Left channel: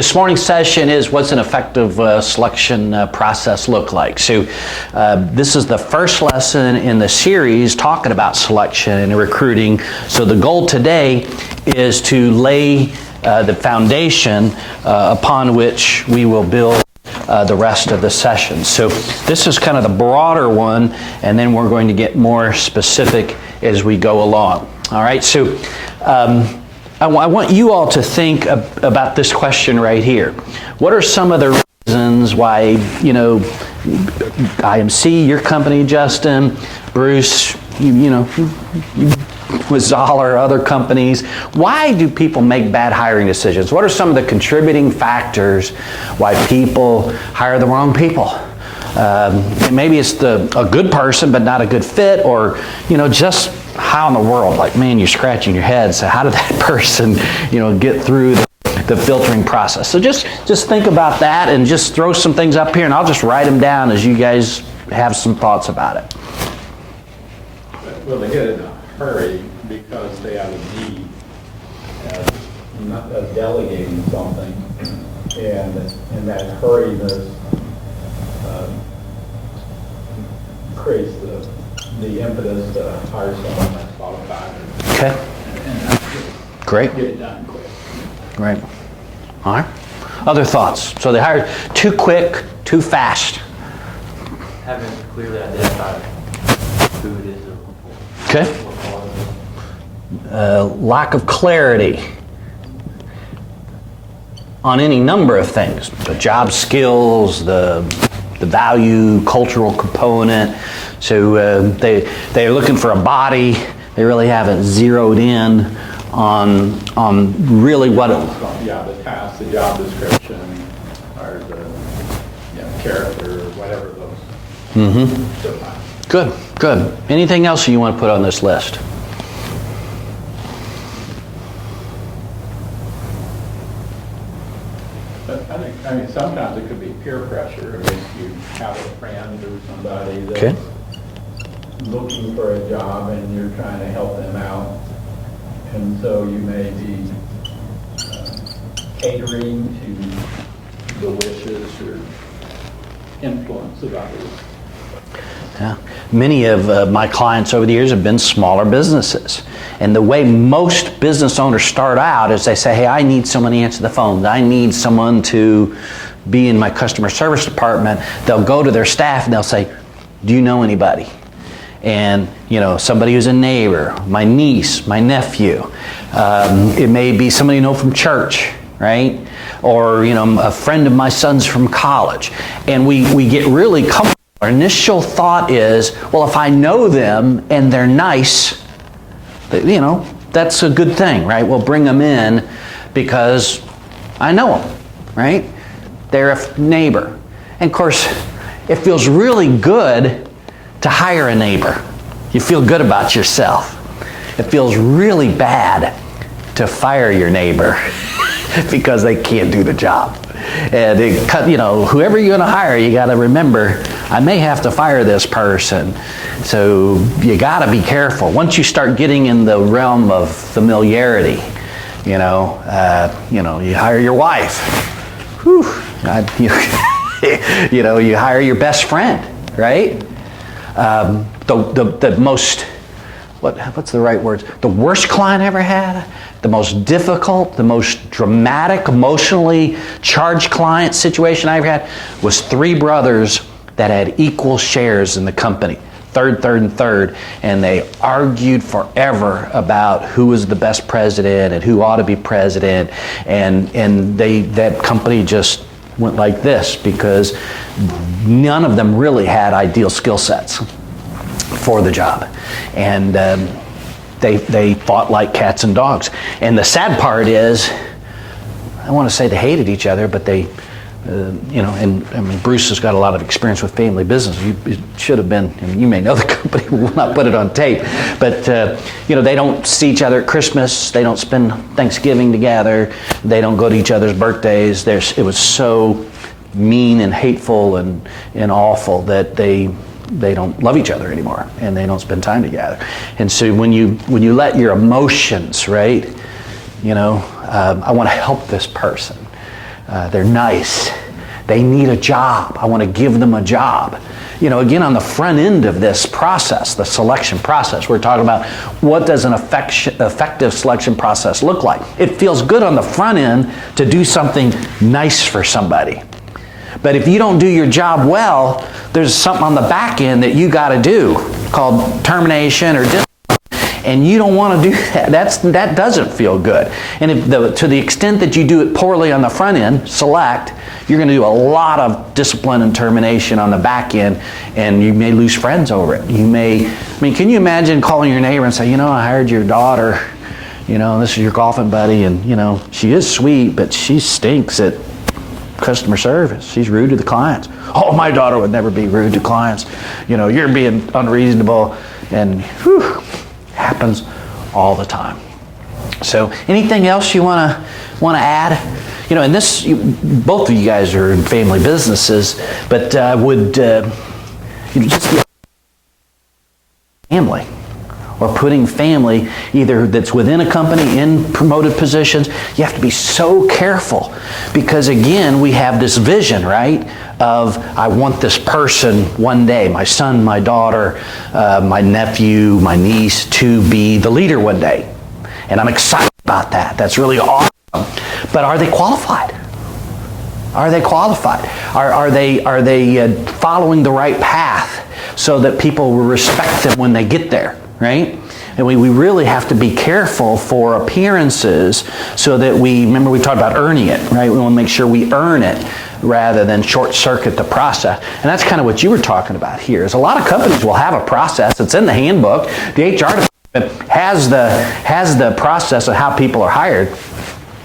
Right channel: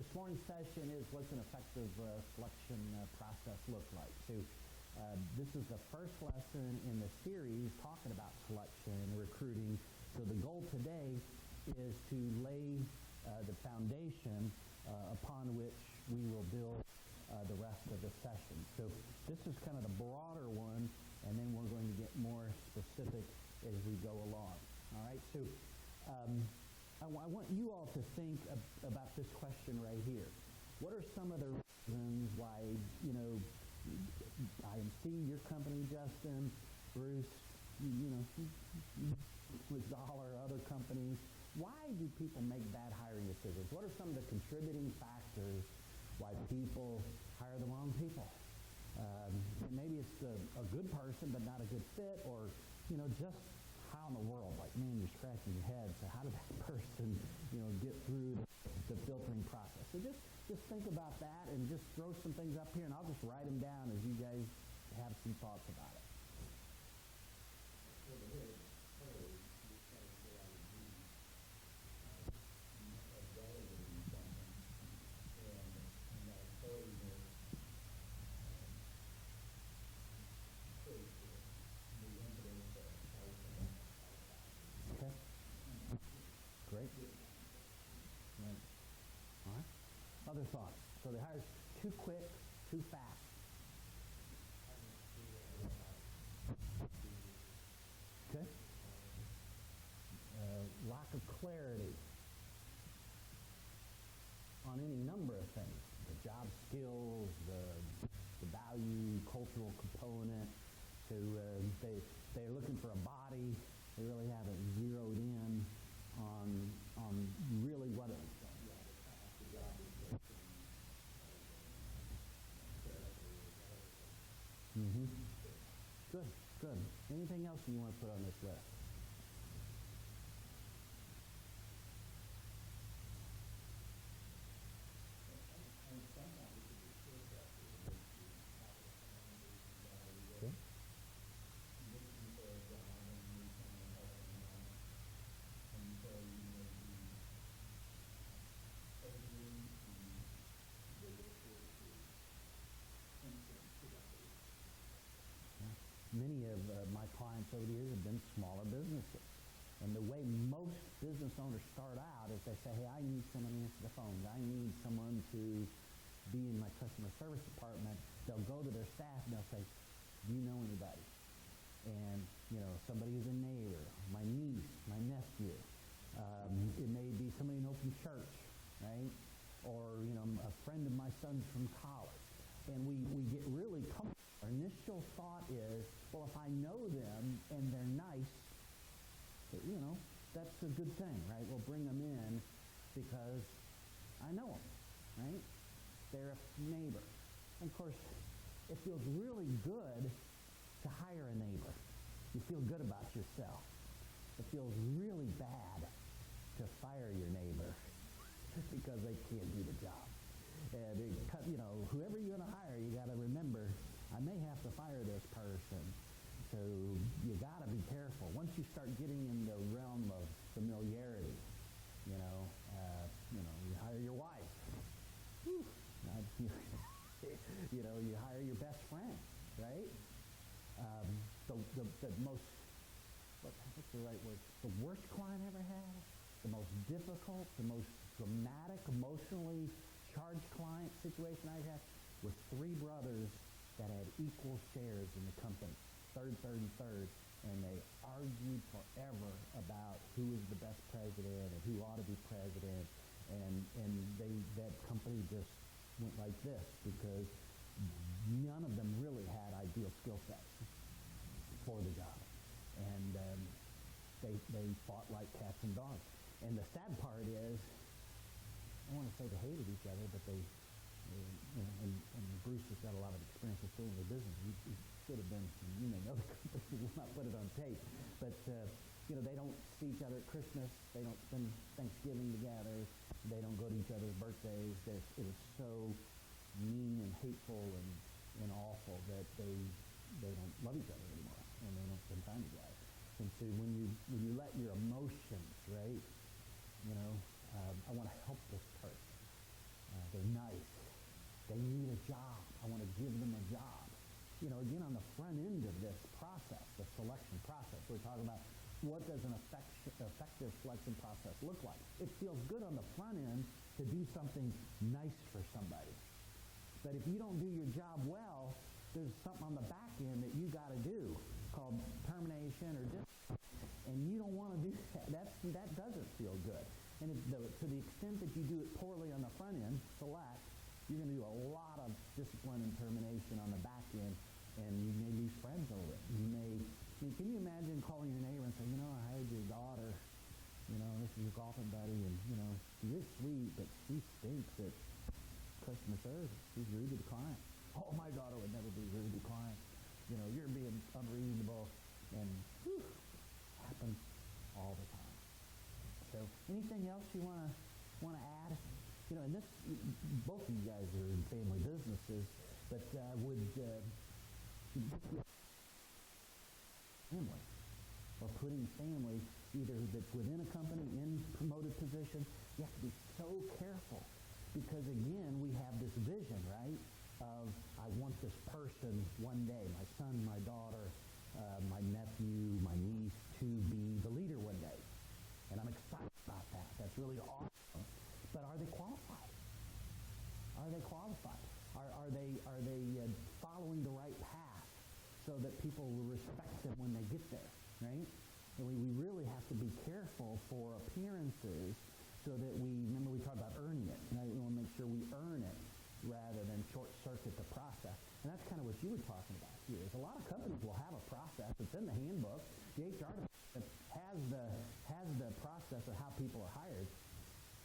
This morning's session is what's an effective selection process look like. So this is the first lesson in the series talking about selection and recruiting. So the goal today is to lay the foundation upon which we will build the rest of the session. So this is kind of the broader one, and then we're going to get more specific as we go along. All right, so I want you all to think about this question right here. What are some of the reasons why, IMC, your company, Justin, Bruce, with Zoller, other companies, why do people make bad hiring decisions? What are some of the contributing factors why people hire the wrong people? Maybe it's a good person but not a good fit, or just how in the world, you're scratching your head, so how did that person get through the filtering process? So just think about that and just throw some things up here, and I'll just write them down as you guys have some thoughts about it. Well, they get in a hurry because they have a need, not delegating something, and in that hurriness creates the impetus to hire someone that's qualified. Okay. And great. Get it done quick. Right. All right. Other thoughts? So they hired too quick, too fast. Haven't clearly identified who it is. Okay. Lack of clarity on any number of things. The job skills, the value, cultural component. So they're looking for a body. They really haven't zeroed in on really what it. Yeah, the task, the job description, or the character, or whatever those. Mm-hmm. Good. Anything else you want to put on this list? I mean, sometimes it could be peer pressure. If you have a friend or somebody that's Okay. looking for a job and you're trying to help them out, and so you may be catering to the wishes or influence of others. Yeah. Many of my clients over the years have been smaller businesses. And the way most business owners start out is they say, hey, I need someone to answer the phone. I need someone to be in my customer service department. They'll go to their staff and they'll say, do you know anybody? And, somebody who's a neighbor, my niece, my nephew. It may be somebody you know from church, right? Or, a friend of my son's from college. And we get really comfortable. Our initial thought is, well, if I know them and they're nice, that's a good thing, right? We'll bring them in because I know them, right? They're a neighbor. And of course, it feels really good to hire a neighbor. You feel good about yourself. It feels really bad to fire your neighbor because they can't do the job. And whoever you're going to hire, you got to remember, I may have to fire this person. So you got to be careful. Once you start getting in the realm of familiarity, you hire your wife. Whew, you hire your best friend, right? The most, what's the right words? The worst client I ever had, the most difficult, the most dramatic, emotionally charged client situation I ever had was 3 brothers that had equal shares in the company. Third, and they argued forever about who was the best president and who ought to be president, and that company just went like this because none of them really had ideal skill sets for the job, and they fought like cats and dogs. And the sad part is, I want to say they hated each other, but they. Bruce has got a lot of experience with family business. It should have been, you may know the company, we'll not put it on tape, but they don't see each other at Christmas, they don't spend Thanksgiving together, they don't go to each other's birthdays. It was so mean and hateful and awful that they don't love each other anymore, and they don't spend time together. And so when you let your emotions, right, I want to help this person. They're nice. They need a job. I want to give them a job. Again, on the front end of this process, the selection process, we're talking about what does an effective selection process look like. It feels good on the front end to do something nice for somebody. But if you don't do your job well, there's something on the back end that you got to do called termination or discipline. And you don't want to do that. That doesn't feel good. And to the extent that you do it poorly on the front end, select, you're going to do a lot of discipline and termination on the back end, and you may lose friends over it. Can you imagine calling your neighbor and say, I hired your daughter, this is your golfing buddy, and she is sweet, but she stinks at customer service. She's rude to the clients. Oh, my daughter would never be rude to clients. You're being unreasonable, and happens all the time. So anything else you want to add? And this, both of you guys are in family businesses, but would just be family, or putting family either that's within a company in promoted positions. You have to be so careful, because again, we have this vision, right, of I want this person one day, my son, my daughter, my nephew, my niece, to be the leader one day. And I'm excited about that. That's really awesome. But are they qualified? Are they qualified? Are they following the right path so that people will respect them when they get there, right? And we really have to be careful for appearances, so that remember we talked about earning it, right? We want to make sure we earn it rather than short circuit the process. And that's kind of what you were talking about here, is a lot of companies will have a process. It's in the handbook. The HR department has the process of how people are hired.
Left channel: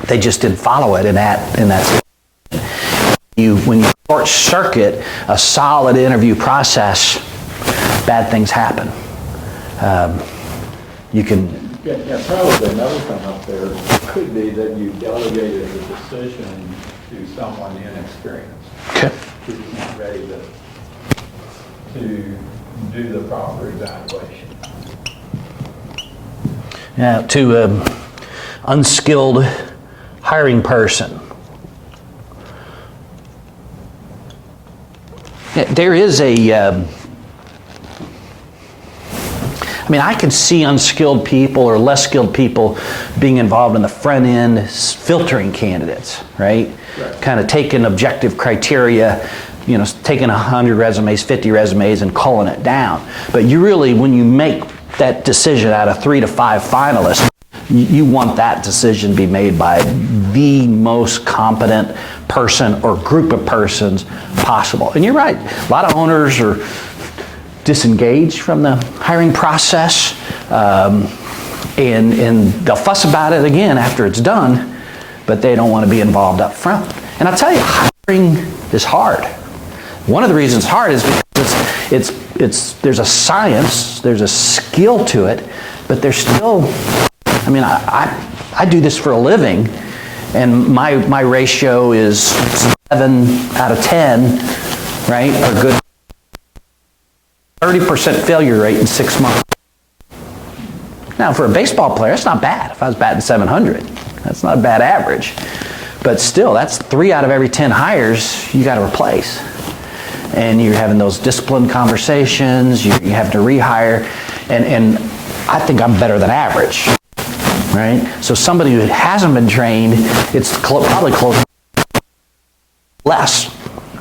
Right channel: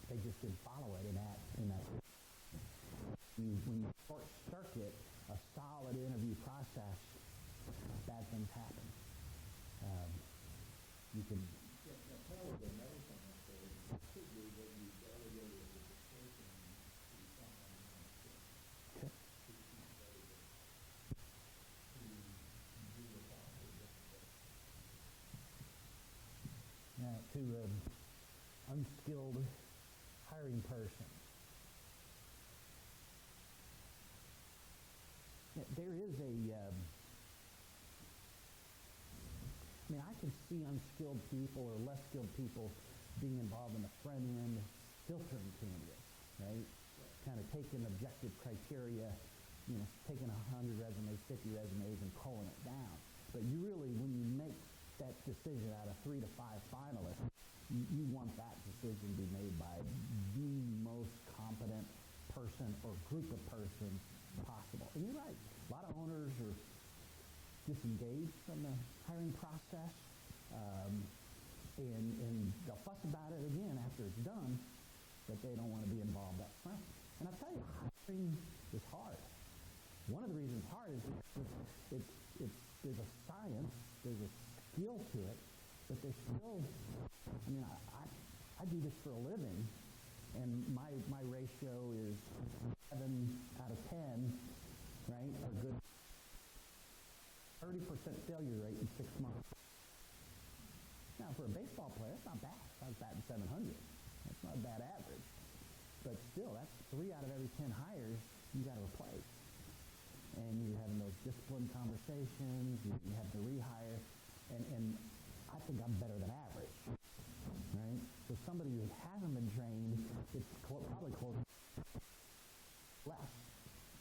They just didn't follow it in that. When you short circuit a solid interview process, bad things happen. Probably another thing up there could be that you delegated the decision to someone inexperienced. Okay. Who's not ready to do the proper evaluation. Yeah, to unskilled hiring person. There is I can see unskilled people or less skilled people being involved in the front end filtering candidates, right? Kind of taking objective criteria, taking 100 resumes, 50 resumes and culling it down. But you really, when you make that decision out of 3 to 5 finalists, you want that decision to be made by the most competent person or group of persons possible. And you're right, a lot of owners are disengaged from the hiring process, and they'll fuss about it again after it's done, but they don't want to be involved up front. And I'll tell you, hiring is hard. One of the reasons it's hard is because there's a science, there's a skill to it, but there's still, I do this for a living, and my ratio is 7 out of 10, right, are good. 30% failure rate in 6 months. Now, for a baseball player, it's not bad. If I was batting 700, that's not a bad average. But still, that's 3 out of every 10 hires you got to replace. And you're having those disciplined conversations, you have to rehire, and I think I'm better than average, right? So somebody who hasn't been trained, it's probably close less.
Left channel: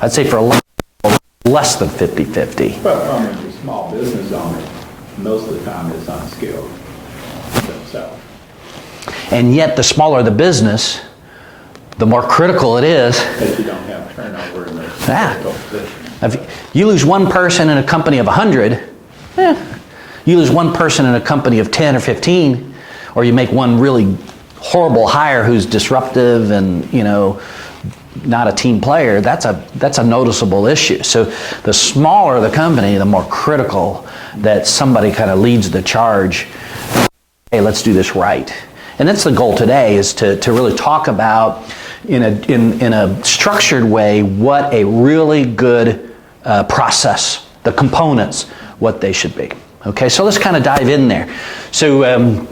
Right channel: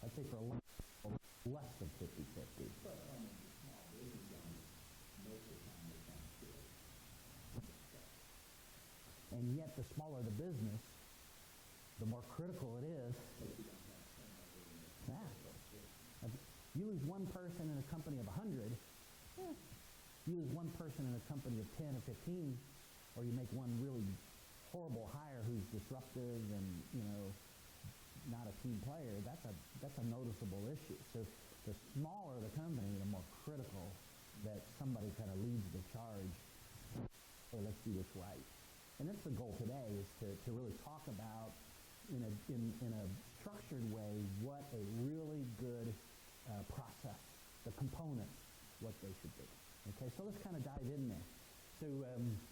I'd say for less than 50-50. Well, the small business owner, most of the time is unskilled themselves. And yet, the smaller the business, the more critical it is. Because you don't have turnover in those critical positions. If you lose one person in a company of 100, you lose one person in a company of 10 or 15, or you make one really horrible hire who's disruptive and, not a team player, that's a noticeable issue. So the smaller the company, the more critical that somebody kind of leads the charge. Hey, let's do this right. And that's the goal today, is to really talk about in a structured way what a really good process, the components, what they should be. Okay, so let's kind of dive in there. So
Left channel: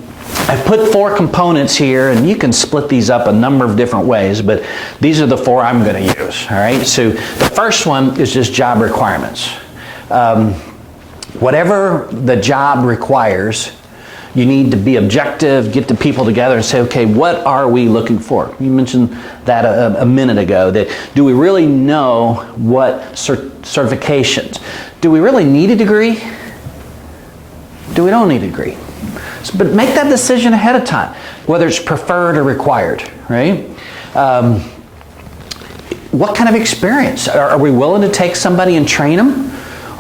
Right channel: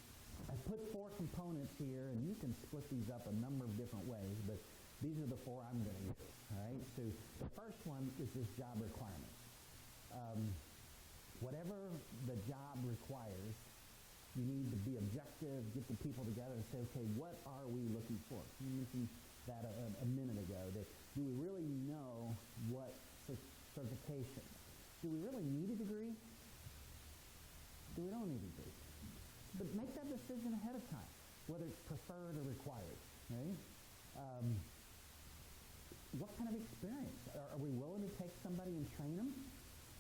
I put 4 components here, and you can split these up a number of different ways, but these are the 4 I'm going to use. All right. So the first one is just job requirements. Whatever the job requires, you need to be objective, get the people together and say, okay, what are we looking for? You mentioned that a minute ago, that do we really know what certifications? Do we really need a degree? Do we don't need a degree? But make that decision ahead of time, whether it's preferred or required, right? What kind of experience? Are we willing to take somebody and train them?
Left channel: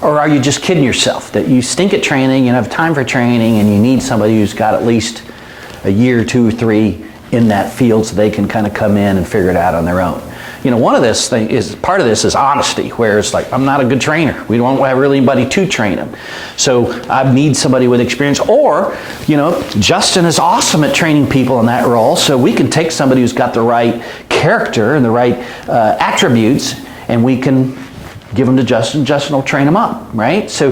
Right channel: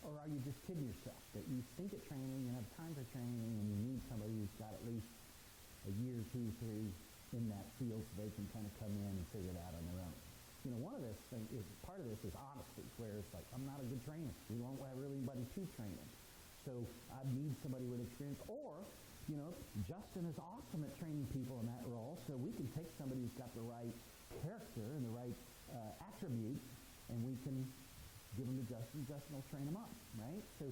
Or are you just kidding yourself that you stink at training, you don't have time for training, and you need somebody who's got at least a year, 2 or 3 in that field so they can kind of come in and figure it out on their own? You know, part of this is honesty, where it's like, I'm not a good trainer. We don't have really anybody to train them. So I need somebody with experience. Or, you know, Justin is awesome at training people in that role, so we can take somebody who's got the right character and the right attributes, and we can give them to Justin. Justin will train them up, right? So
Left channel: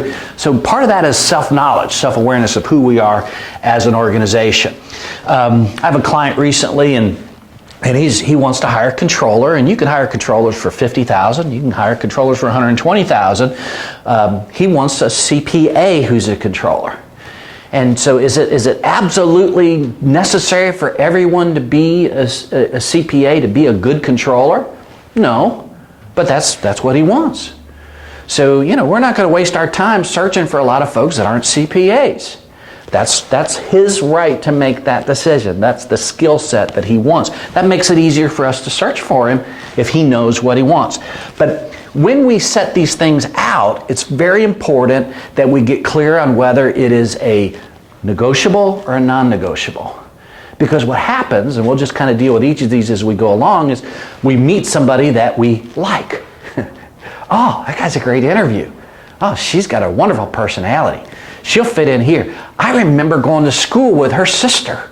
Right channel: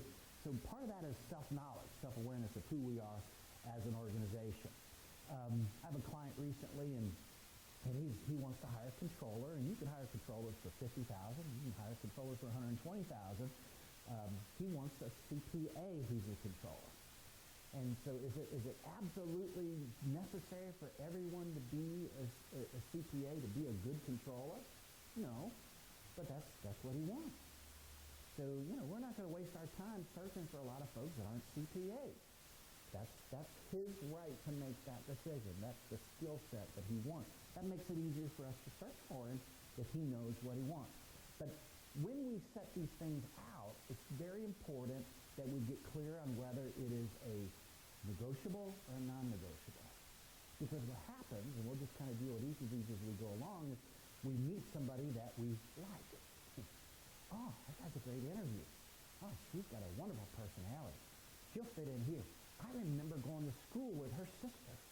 part of that is self-knowledge, self-awareness of who we are as an organization. I have a client recently, and he wants to hire a controller, and you can hire controllers for $50,000. You can hire controllers for $120,000. He wants a CPA who's a controller. And so is it absolutely necessary for everyone to be a CPA to be a good controller? No, but that's what he wants. So, you know, we're not going to waste our time searching for a lot of folks that aren't CPAs. That's his right to make that decision. That's the skill set that he wants. That makes it easier for us to search for him if he knows what he wants. But when we set these things out, it's very important that we get clear on whether it is a negotiable or a non-negotiable. Because what happens, and we'll just kind of deal with each of these as we go along, is we meet somebody that we like. Oh, that guy's a great interview. Oh, she's got a wonderful personality. She'll fit in here. I remember going to school with her sister.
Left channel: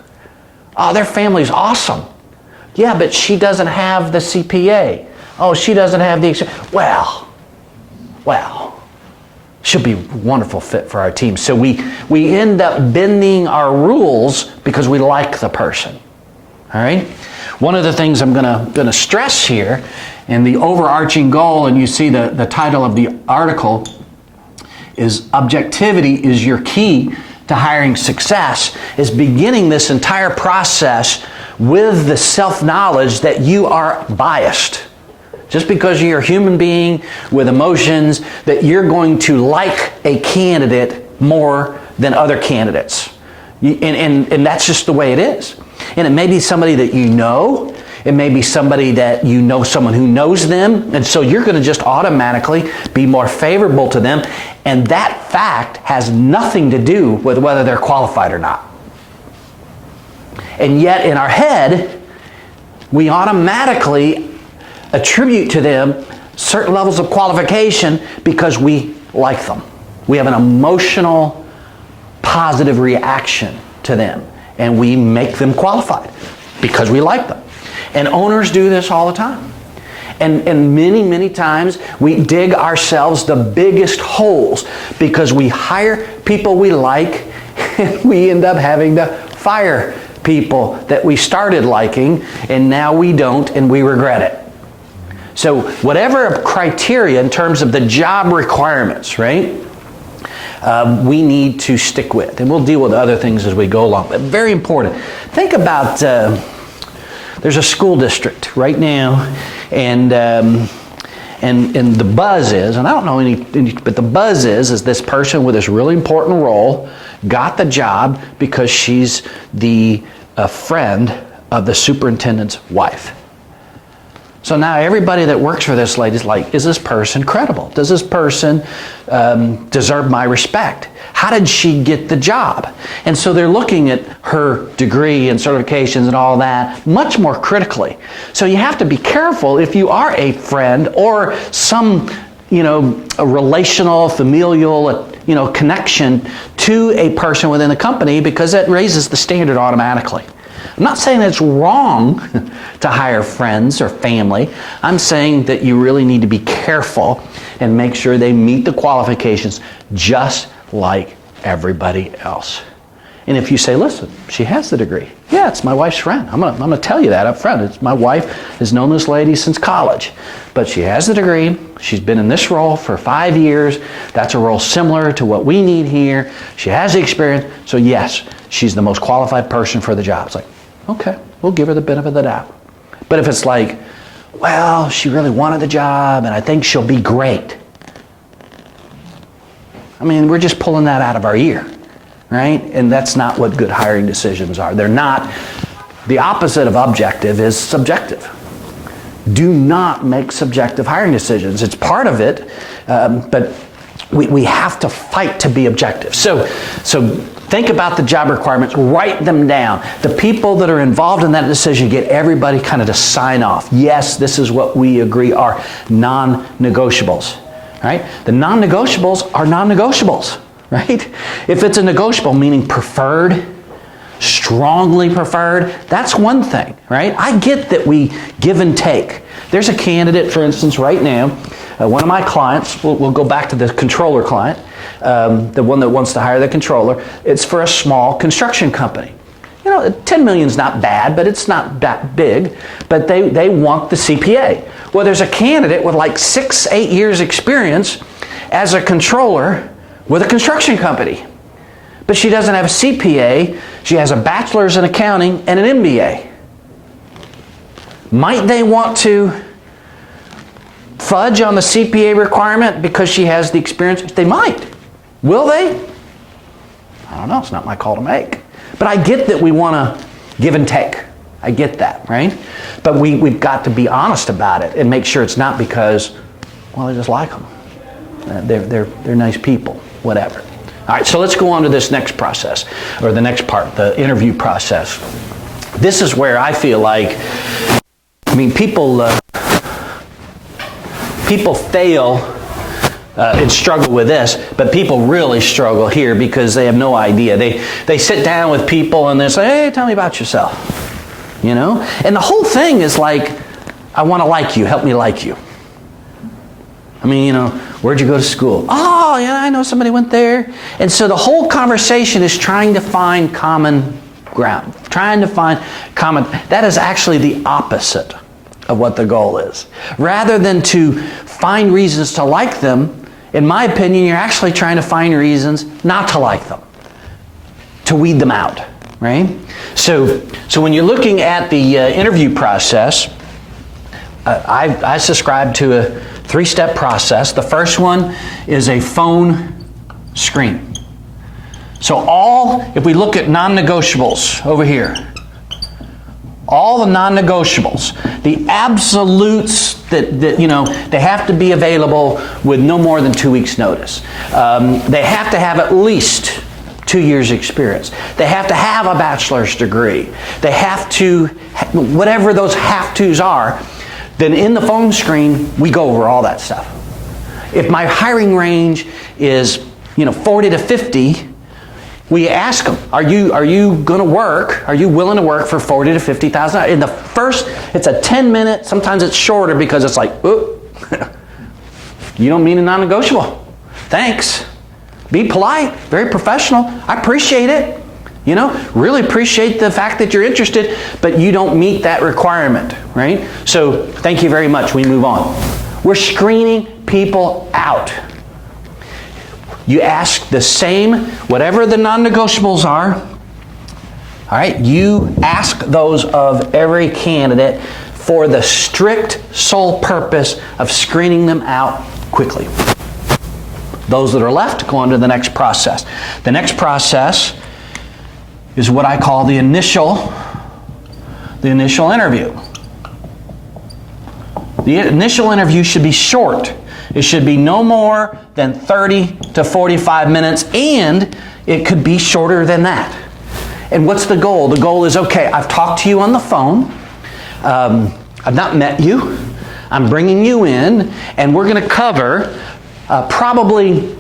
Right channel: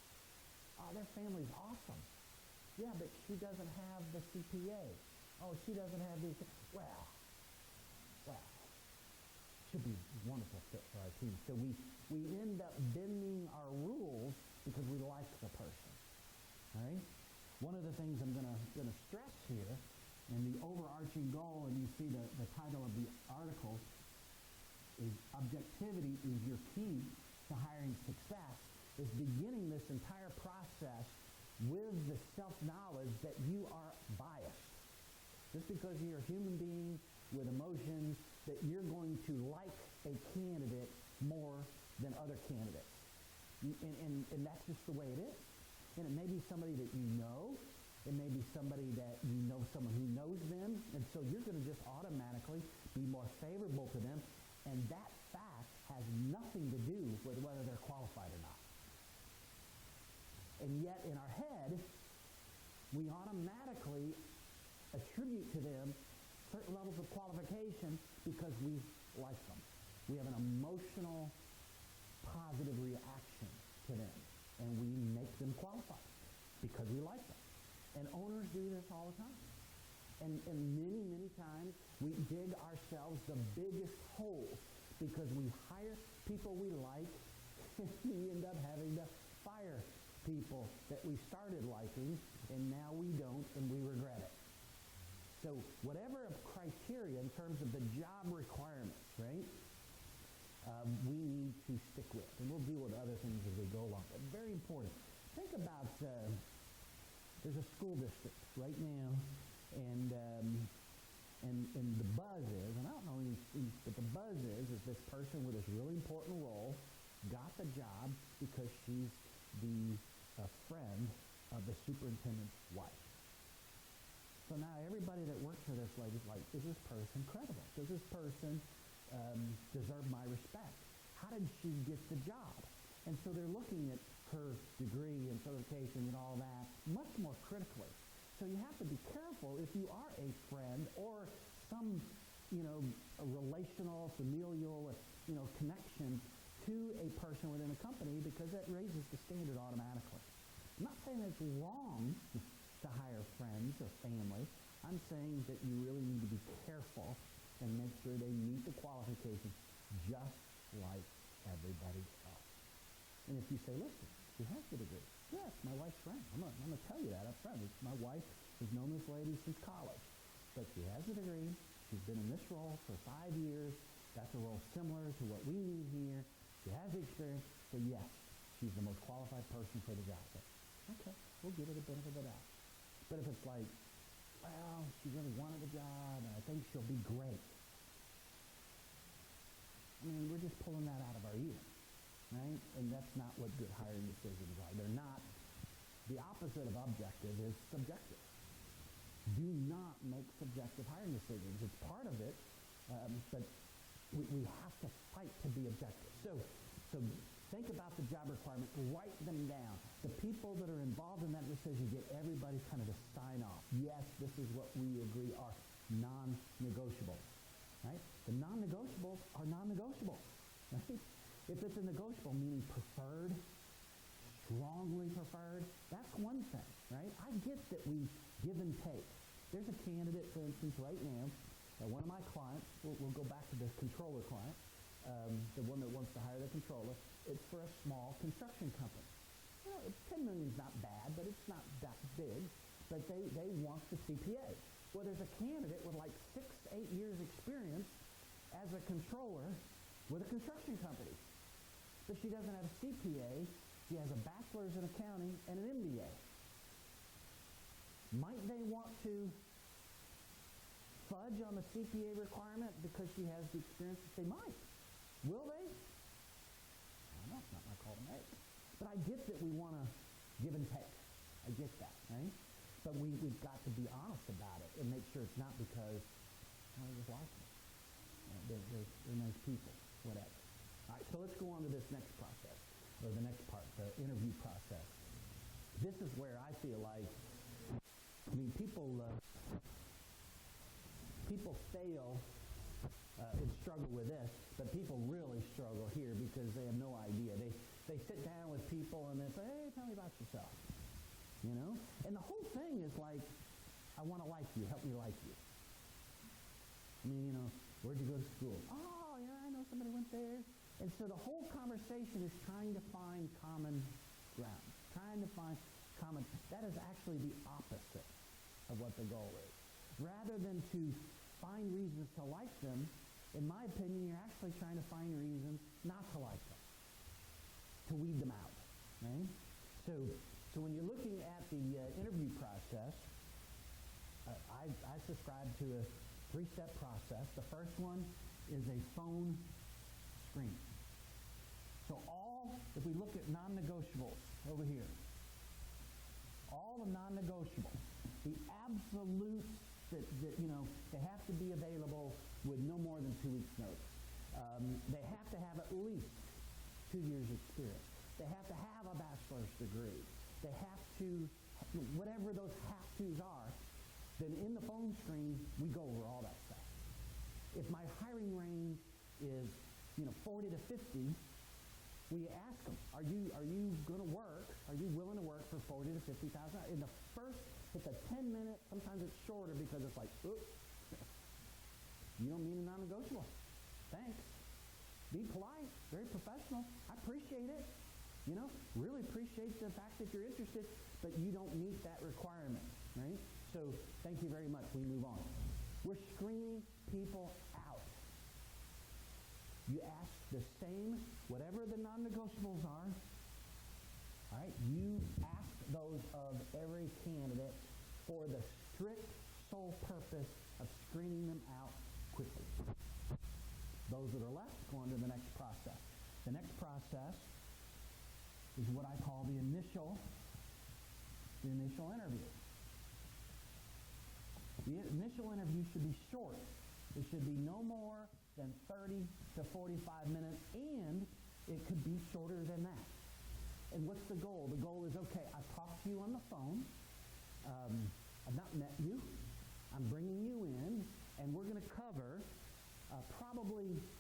Oh, their family's awesome. Yeah, but she doesn't have the CPA. Oh, she doesn't have the experience. Well, she'll be a wonderful fit for our team. So we end up bending our rules because we like the person. All right? One of the things I'm gonna stress here, and the overarching goal, and you see the title of the article, is objectivity is your key to hiring success, is beginning this entire process with the self-knowledge that you are biased. Just because you're a human being with emotions, that you're going to like a candidate more than other candidates. And that's just the way it is. And it may be somebody that you know. It may be somebody that you know, someone who knows them, and so you're going to just automatically be more favorable to them, and that fact has nothing to do with whether they're qualified or not. And yet in our head, we automatically attribute to them certain levels of qualification because we like them. We have an emotional, positive reaction to them, and we make them qualified because we like them. And owners do this all the time. And many, many times we dig ourselves the biggest holes because we hire people we like and we end up having to fire people that we started liking, and now we don't and we regret it. So whatever criteria in terms of the job requirements, right, we need to stick with. And we'll deal with other things as we go along. But very important. Think about... there's a school district right now, and the buzz is, and I don't know any, but the buzz is this person with this really important role got the job because she's the friend of the superintendent's wife. So now everybody that works for this lady is like, is this person credible? Does this person deserve my respect? How did she get the job? And so they're looking at her degree and certifications and all that much more critically. So you have to be careful if you are a friend or some, a relational, familial, connection to a person within the company, because that raises the standard automatically. I'm not saying it's wrong to hire friends or family. I'm saying that you really need to be careful and make sure they meet the qualifications just like everybody else. And if you say, listen, she has the degree. Yeah, it's my wife's friend. I'm gonna tell you that up front. It's my wife has known this lady since college. But she has the degree. She's been in this role for 5 years. That's a role similar to what we need here. She has the experience. So yes, she's the most qualified person for the job. It's like, okay, we'll give her the benefit of the doubt. But if it's like, well, she really wanted the job and I think she'll be great. I mean, we're just pulling that out of our ear, right? And that's not what good hiring decisions are. They're not. The opposite of objective is subjective. Do not make subjective hiring decisions. It's part of it, but we have to fight to be objective. So think about the job requirements, write them down. The people that are involved in that decision, get everybody kind of to sign off. Yes, this is what we agree are non-negotiables, right? The non-negotiables are non-negotiables, right? If it's a negotiable, meaning preferred, strongly preferred, that's one thing, right? I get that we give and take. There's a candidate, for instance, right now, one of my clients, we'll go back to the controller client, the one that wants to hire the controller. It's for a small construction company. You know, 10 million is not bad, but it's not that big, but they want the CPA. Well, there's a candidate with like 6-8 years experience as a controller with a construction company. But she doesn't have a CPA. She has a bachelor's in accounting and an MBA. Might they want to fudge on the CPA requirement because she has the experience? They might. Will they? I don't know. It's not my call to make. But I get that we want to give and take. I get that, right? But we've got to be honest about it and make sure it's not because, well, I just like them. They're nice people, whatever. All right, so let's go on to this next process, or the next part, the interview process. This is where I feel like, I mean, people fail and struggle with this, but people really struggle here because they have no idea. They sit down with people and they say, hey, tell me about yourself, you know? And the whole thing is like, I want to like you, help me like you. I mean, you know, where'd you go to school? Oh, yeah, I know somebody went there. And so the whole conversation is trying to find common ground, trying to find common. That is actually the opposite of what the goal is. Rather than to find reasons to like them, in my opinion, you're actually trying to find reasons not to like them, to weed them out, right? So when you're looking at the interview process, I subscribe to a 3-step process. The first one is a phone screen. So if we look at non-negotiables over here, all the non-negotiables, the absolutes that you know, they have to be available with no more than 2 weeks notice. They have to have at least 2 years experience. They have to have a bachelor's degree. They have to, whatever those have-tos are, then in the phone screen, we go over all that stuff. If my hiring range is, 40 to 50, we ask them, are you going to work? Are you willing to work for 40 to 50,000? In the first, it's a 10-minute. Sometimes it's shorter because it's like, oh, you don't mean a non-negotiable. Thanks. Be polite, very professional. I appreciate it. Really appreciate the fact that you're interested, but you don't meet that requirement, right? So thank you very much. We move on. We're screening people out. You ask the same, whatever the non-negotiables are, all right, you ask those of every candidate for the strict sole purpose of screening them out quickly. Those that are left go on to the next process. The next process is what I call the initial interview. The initial interview should be short. It should be no more than 30 to 45 minutes, and it could be shorter than that. And what's the goal? The goal is, okay, I've talked to you on the phone. I've not met you. I'm bringing you in, and we're going to cover probably,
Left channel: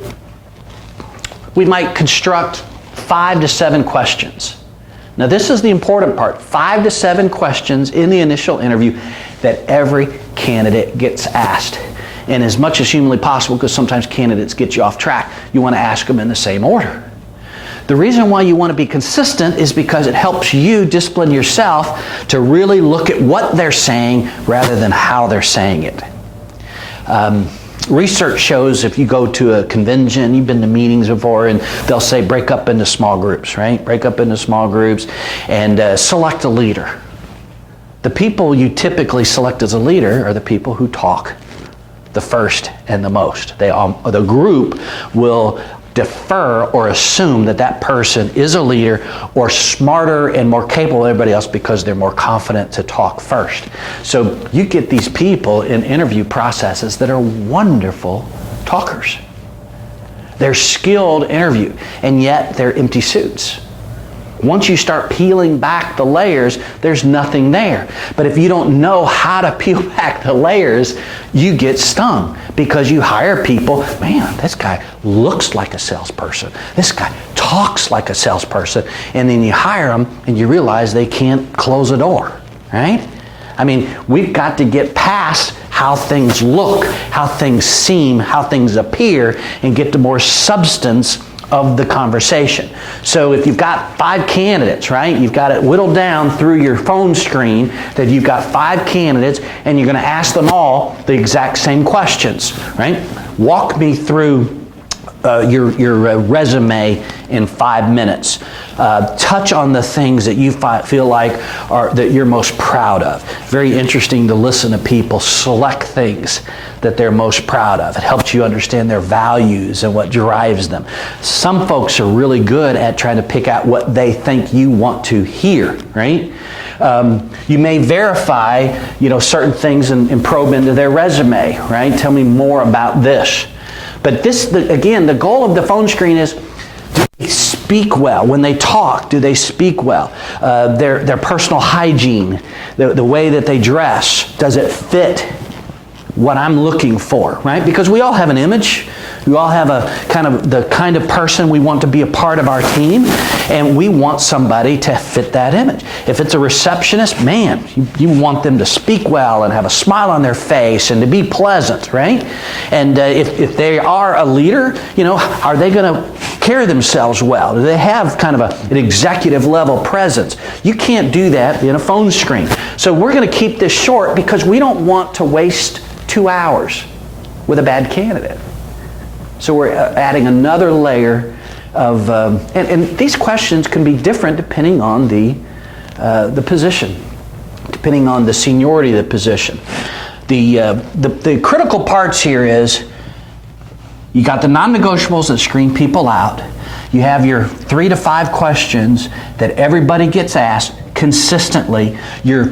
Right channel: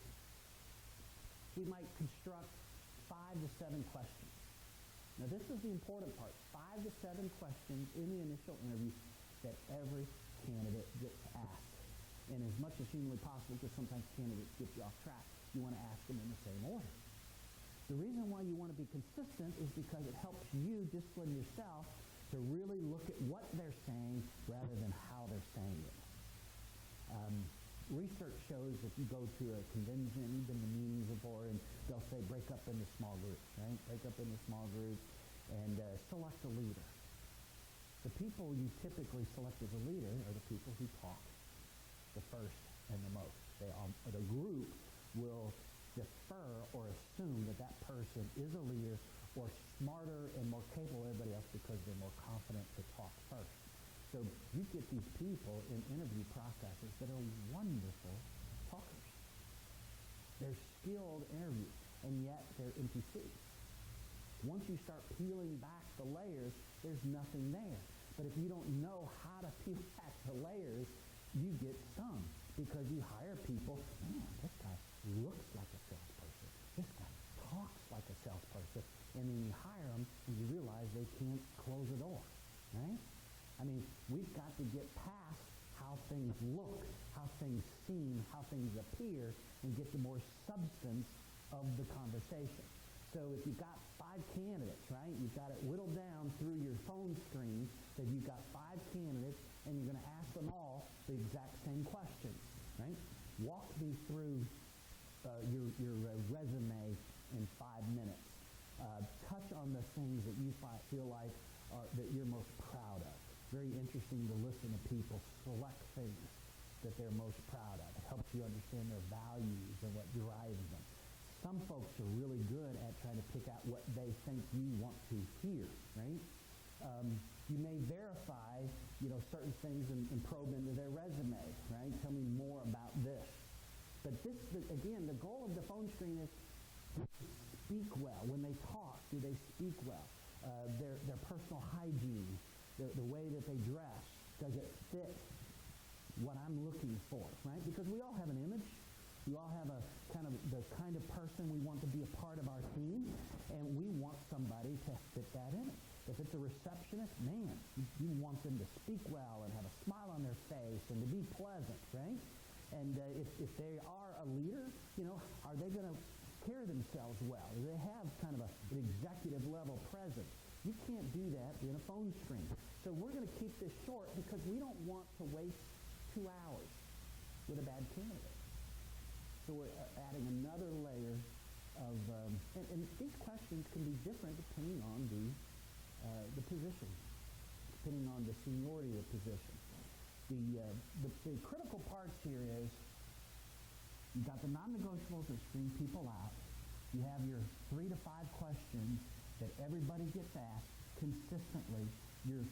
we might construct 5 to 7 questions. Now this is the important part. 5 to 7 questions in the initial interview that every candidate gets asked. And as much as humanly possible, because sometimes candidates get you off track, you want to ask them in the same order. The reason why you want to be consistent is because it helps you discipline yourself to really look at what they're saying rather than how they're saying it. Research shows if you go to a convention, you've been to meetings before, and they'll say break up into small groups, right? Break up into small groups and select a leader. The people you typically select as a leader are the people who talk the first and the most. The group will defer or assume that that person is a leader or smarter and more capable than everybody else because they're more confident to talk first. So you get these people in interview processes that are wonderful talkers. They're skilled interview, and yet they're empty suits. Once you start peeling back the layers, there's nothing there. But if you don't know how to peel back the layers, you get stung because you hire people, man, this guy looks like a salesperson. This guy talks like a salesperson. And then you hire them and you realize they can't close a door, right? I mean, we've got to get past how things look, how things seem, how things appear, and get to more substance of the conversation. So if you've got 5 candidates, right, you've got it whittled down through your phone screen that you've got 5 candidates and you're going to ask them all the exact same questions, right? Walk me through your resume in 5 minutes. Touch on the things that you feel like that you're most proud of. Very interesting to listen to people select things that they're most proud of. It helps you understand their values and what drives them. Some folks are really good at trying to pick out what they think you want to hear, right? You may verify, certain things and probe into their resume, right? Tell me more about this. But again, the goal of the phone screen is, do they speak well? When they talk, do they speak well? Their personal hygiene, the way that they dress, does it fit what I'm looking for, right? Because we all have an image. We all have the kind of person we want to be a part of our team, and we want somebody to fit that image. If it's a receptionist, man, you want them to speak well and have a smile on their face and to be pleasant, right? And if they are a leader, are they going to carry themselves well? Do they have kind of an executive level presence? You can't do that in a phone screen. So we're going to keep this short because we don't want to waste 2 hours with a bad candidate. So we're adding another layer of, and these questions can be different depending on the position, depending on the seniority of the position. The critical parts here is you got the non-negotiables that screen people out. You have your 3 to 5 questions that everybody gets asked consistently. You're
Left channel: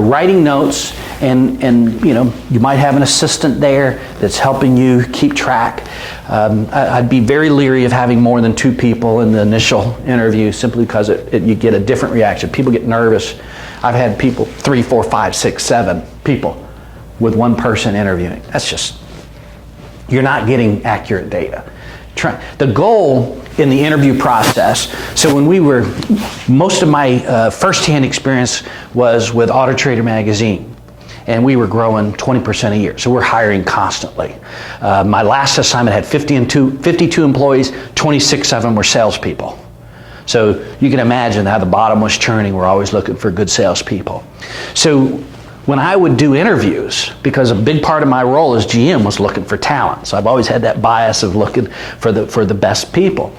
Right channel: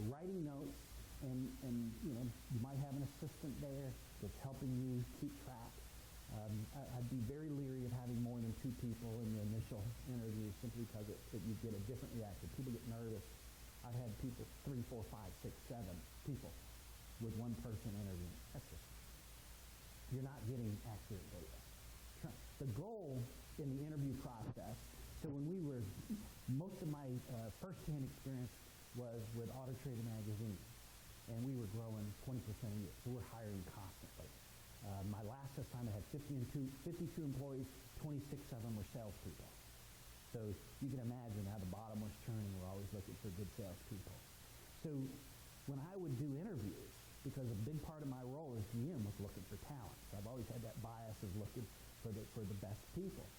writing notes, and you might have an assistant there that's helping you keep track. I'd be very leery of having more than 2 people in the initial interview simply because you get a different reaction. People get nervous. I've had people 3, 4, 5, 6, 7 people with one person interviewing. That's just, you're not getting accurate data. The goal in the interview process, so most of my first-hand experience was with Auto Trader magazine, and we were growing 20% a year, so we're hiring constantly. My last assignment had 52 employees, 26 of them were salespeople. So you can imagine how the bottom was churning. We're always looking for good salespeople. So when I would do interviews, because a big part of my role as GM was looking for talent, so I've always had that bias of looking for the best people.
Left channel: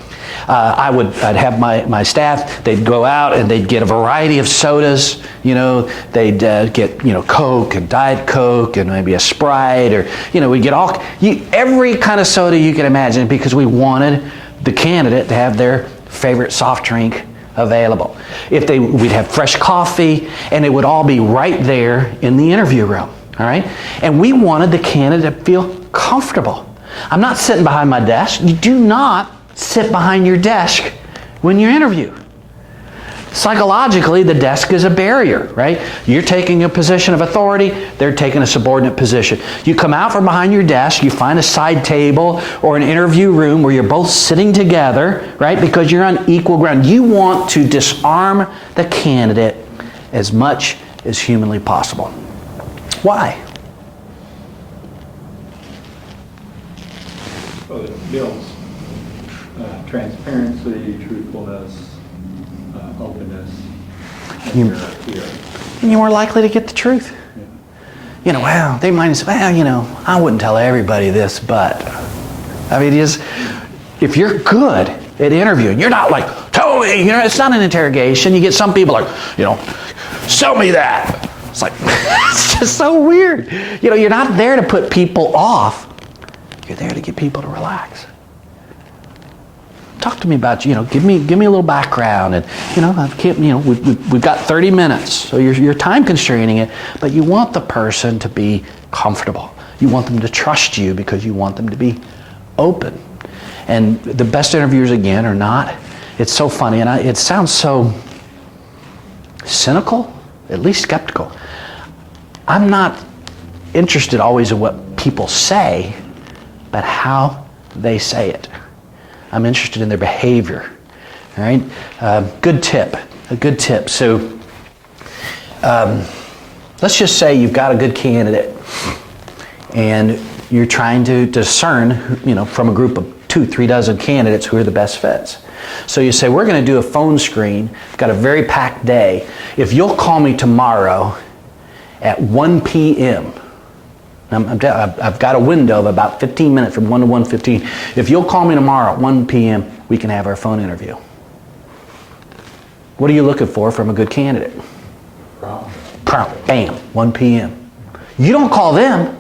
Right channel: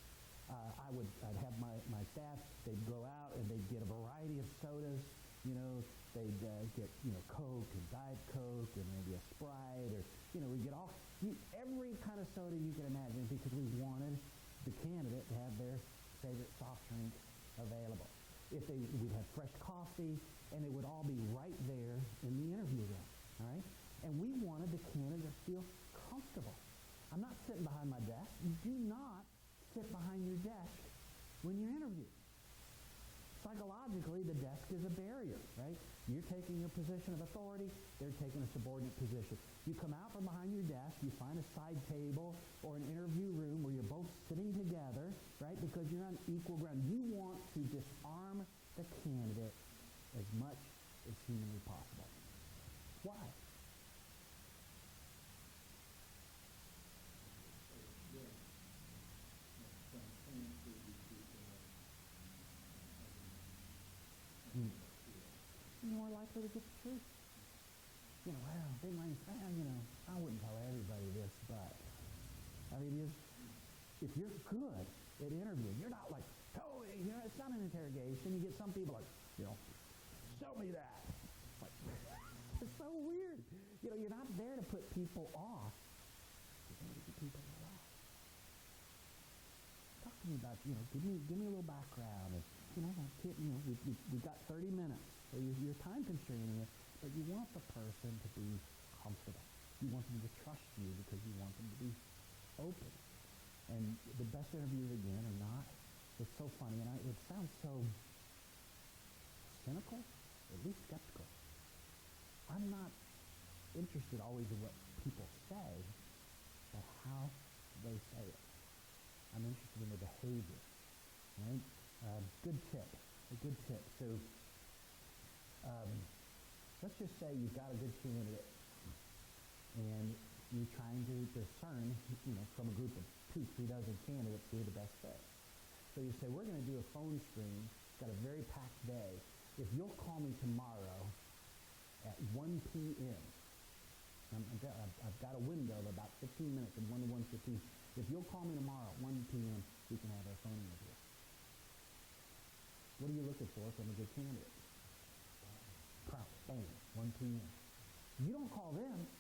I'd have my staff, they'd go out and they'd get a variety of sodas, they'd get, Coke and Diet Coke and maybe a Sprite, or, we'd get every kind of soda you can imagine because we wanted the candidate to have their favorite soft drink available. We'd have fresh coffee, and it would all be right there in the interview room, all right? And we wanted the candidate to feel comfortable. I'm not sitting behind my desk. You do not sit behind your desk when you interview. Psychologically, the desk is a barrier, right? You're taking a position of authority, they're taking a subordinate position. You come out from behind your desk, you find a side table or an interview room where you're both sitting together, right? Because you're on equal ground. You want to disarm the candidate as much as humanly possible. Why? Well, it builds transparency, truthfulness, openness. You- Here. And you're more likely to get the truth. You know, well, they might say, well, you know, I wouldn't tell everybody this, but I mean, if you're good at interviewing, you're not like, tell me, you know, it's not an interrogation. You get some people like, you know, sell me that. It's like, it's just so weird. You know, you're not there to put people off. You're there to get people to relax. Talk to me about, you know, give me a little background, and you know, we've got 30 minutes, so you're time constraining it, but you want the person to be comfortable. You want them to trust you because you want them to be open. And the best interviewers, again, are not. It's so funny, and it sounds so cynical, at least skeptical. I'm not interested always in what people say, but how they say it. I'm interested in their behavior. All right, a good tip. So let's just say you've got a good candidate, and you're trying to discern, you know, from a group of 2-3 dozen candidates who are the best fits. So you say, we're going to do a phone screen. Got a very packed day. If you'll call me tomorrow at 1 p.m. I've got a window of about 15 minutes from 1 to 1:15. If you'll call me tomorrow at 1 p.m., we can have our phone interview. What are you looking for from a good candidate? Prompt. Bam, 1 p.m. You don't call them.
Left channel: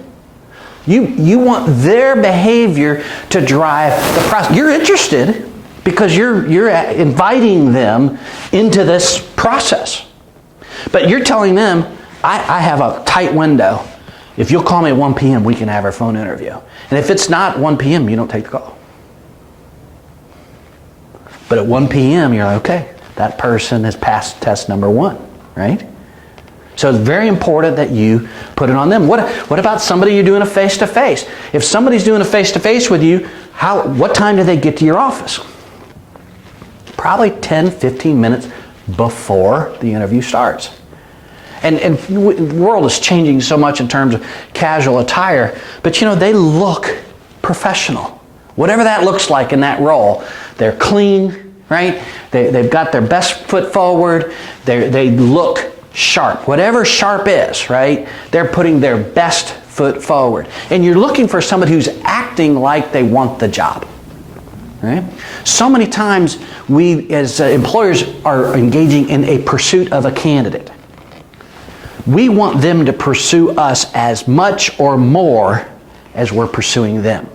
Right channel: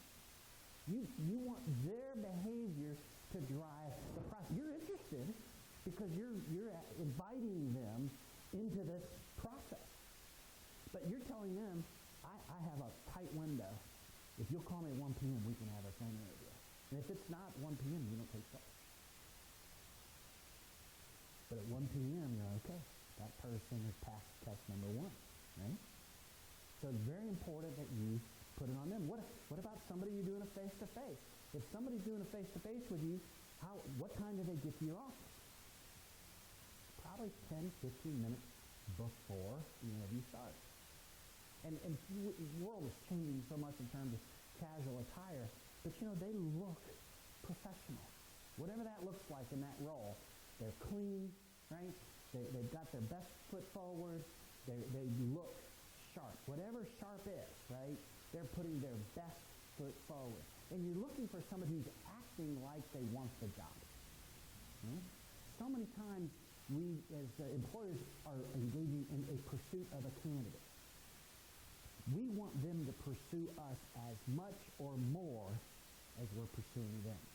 You want their behavior to drive the process. You're interested because you're inviting them into this process. But you're telling them, I have a tight window. If you'll call me at 1 p.m., we can have our phone interview. And if it's not 1 p.m., you don't take the call. But at 1 p.m., you're like, okay, that person has passed test number 1, right? So it's very important that you put it on them. What about somebody you're doing a face-to-face? If somebody's doing a face-to-face with you, what time do they get to your office? Probably 10, 15 minutes before the interview starts. And the world is changing so much in terms of casual attire, but you know, they look professional. Whatever that looks like in that role, they're clean, right? They've got their best foot forward, they look sharp. Whatever sharp is, right? They're putting their best foot forward. And you're looking for somebody who's acting like they want the job. Right? So many times we as employers are engaging in a pursuit of a candidate. We want them to pursue us as much or more as we're pursuing them.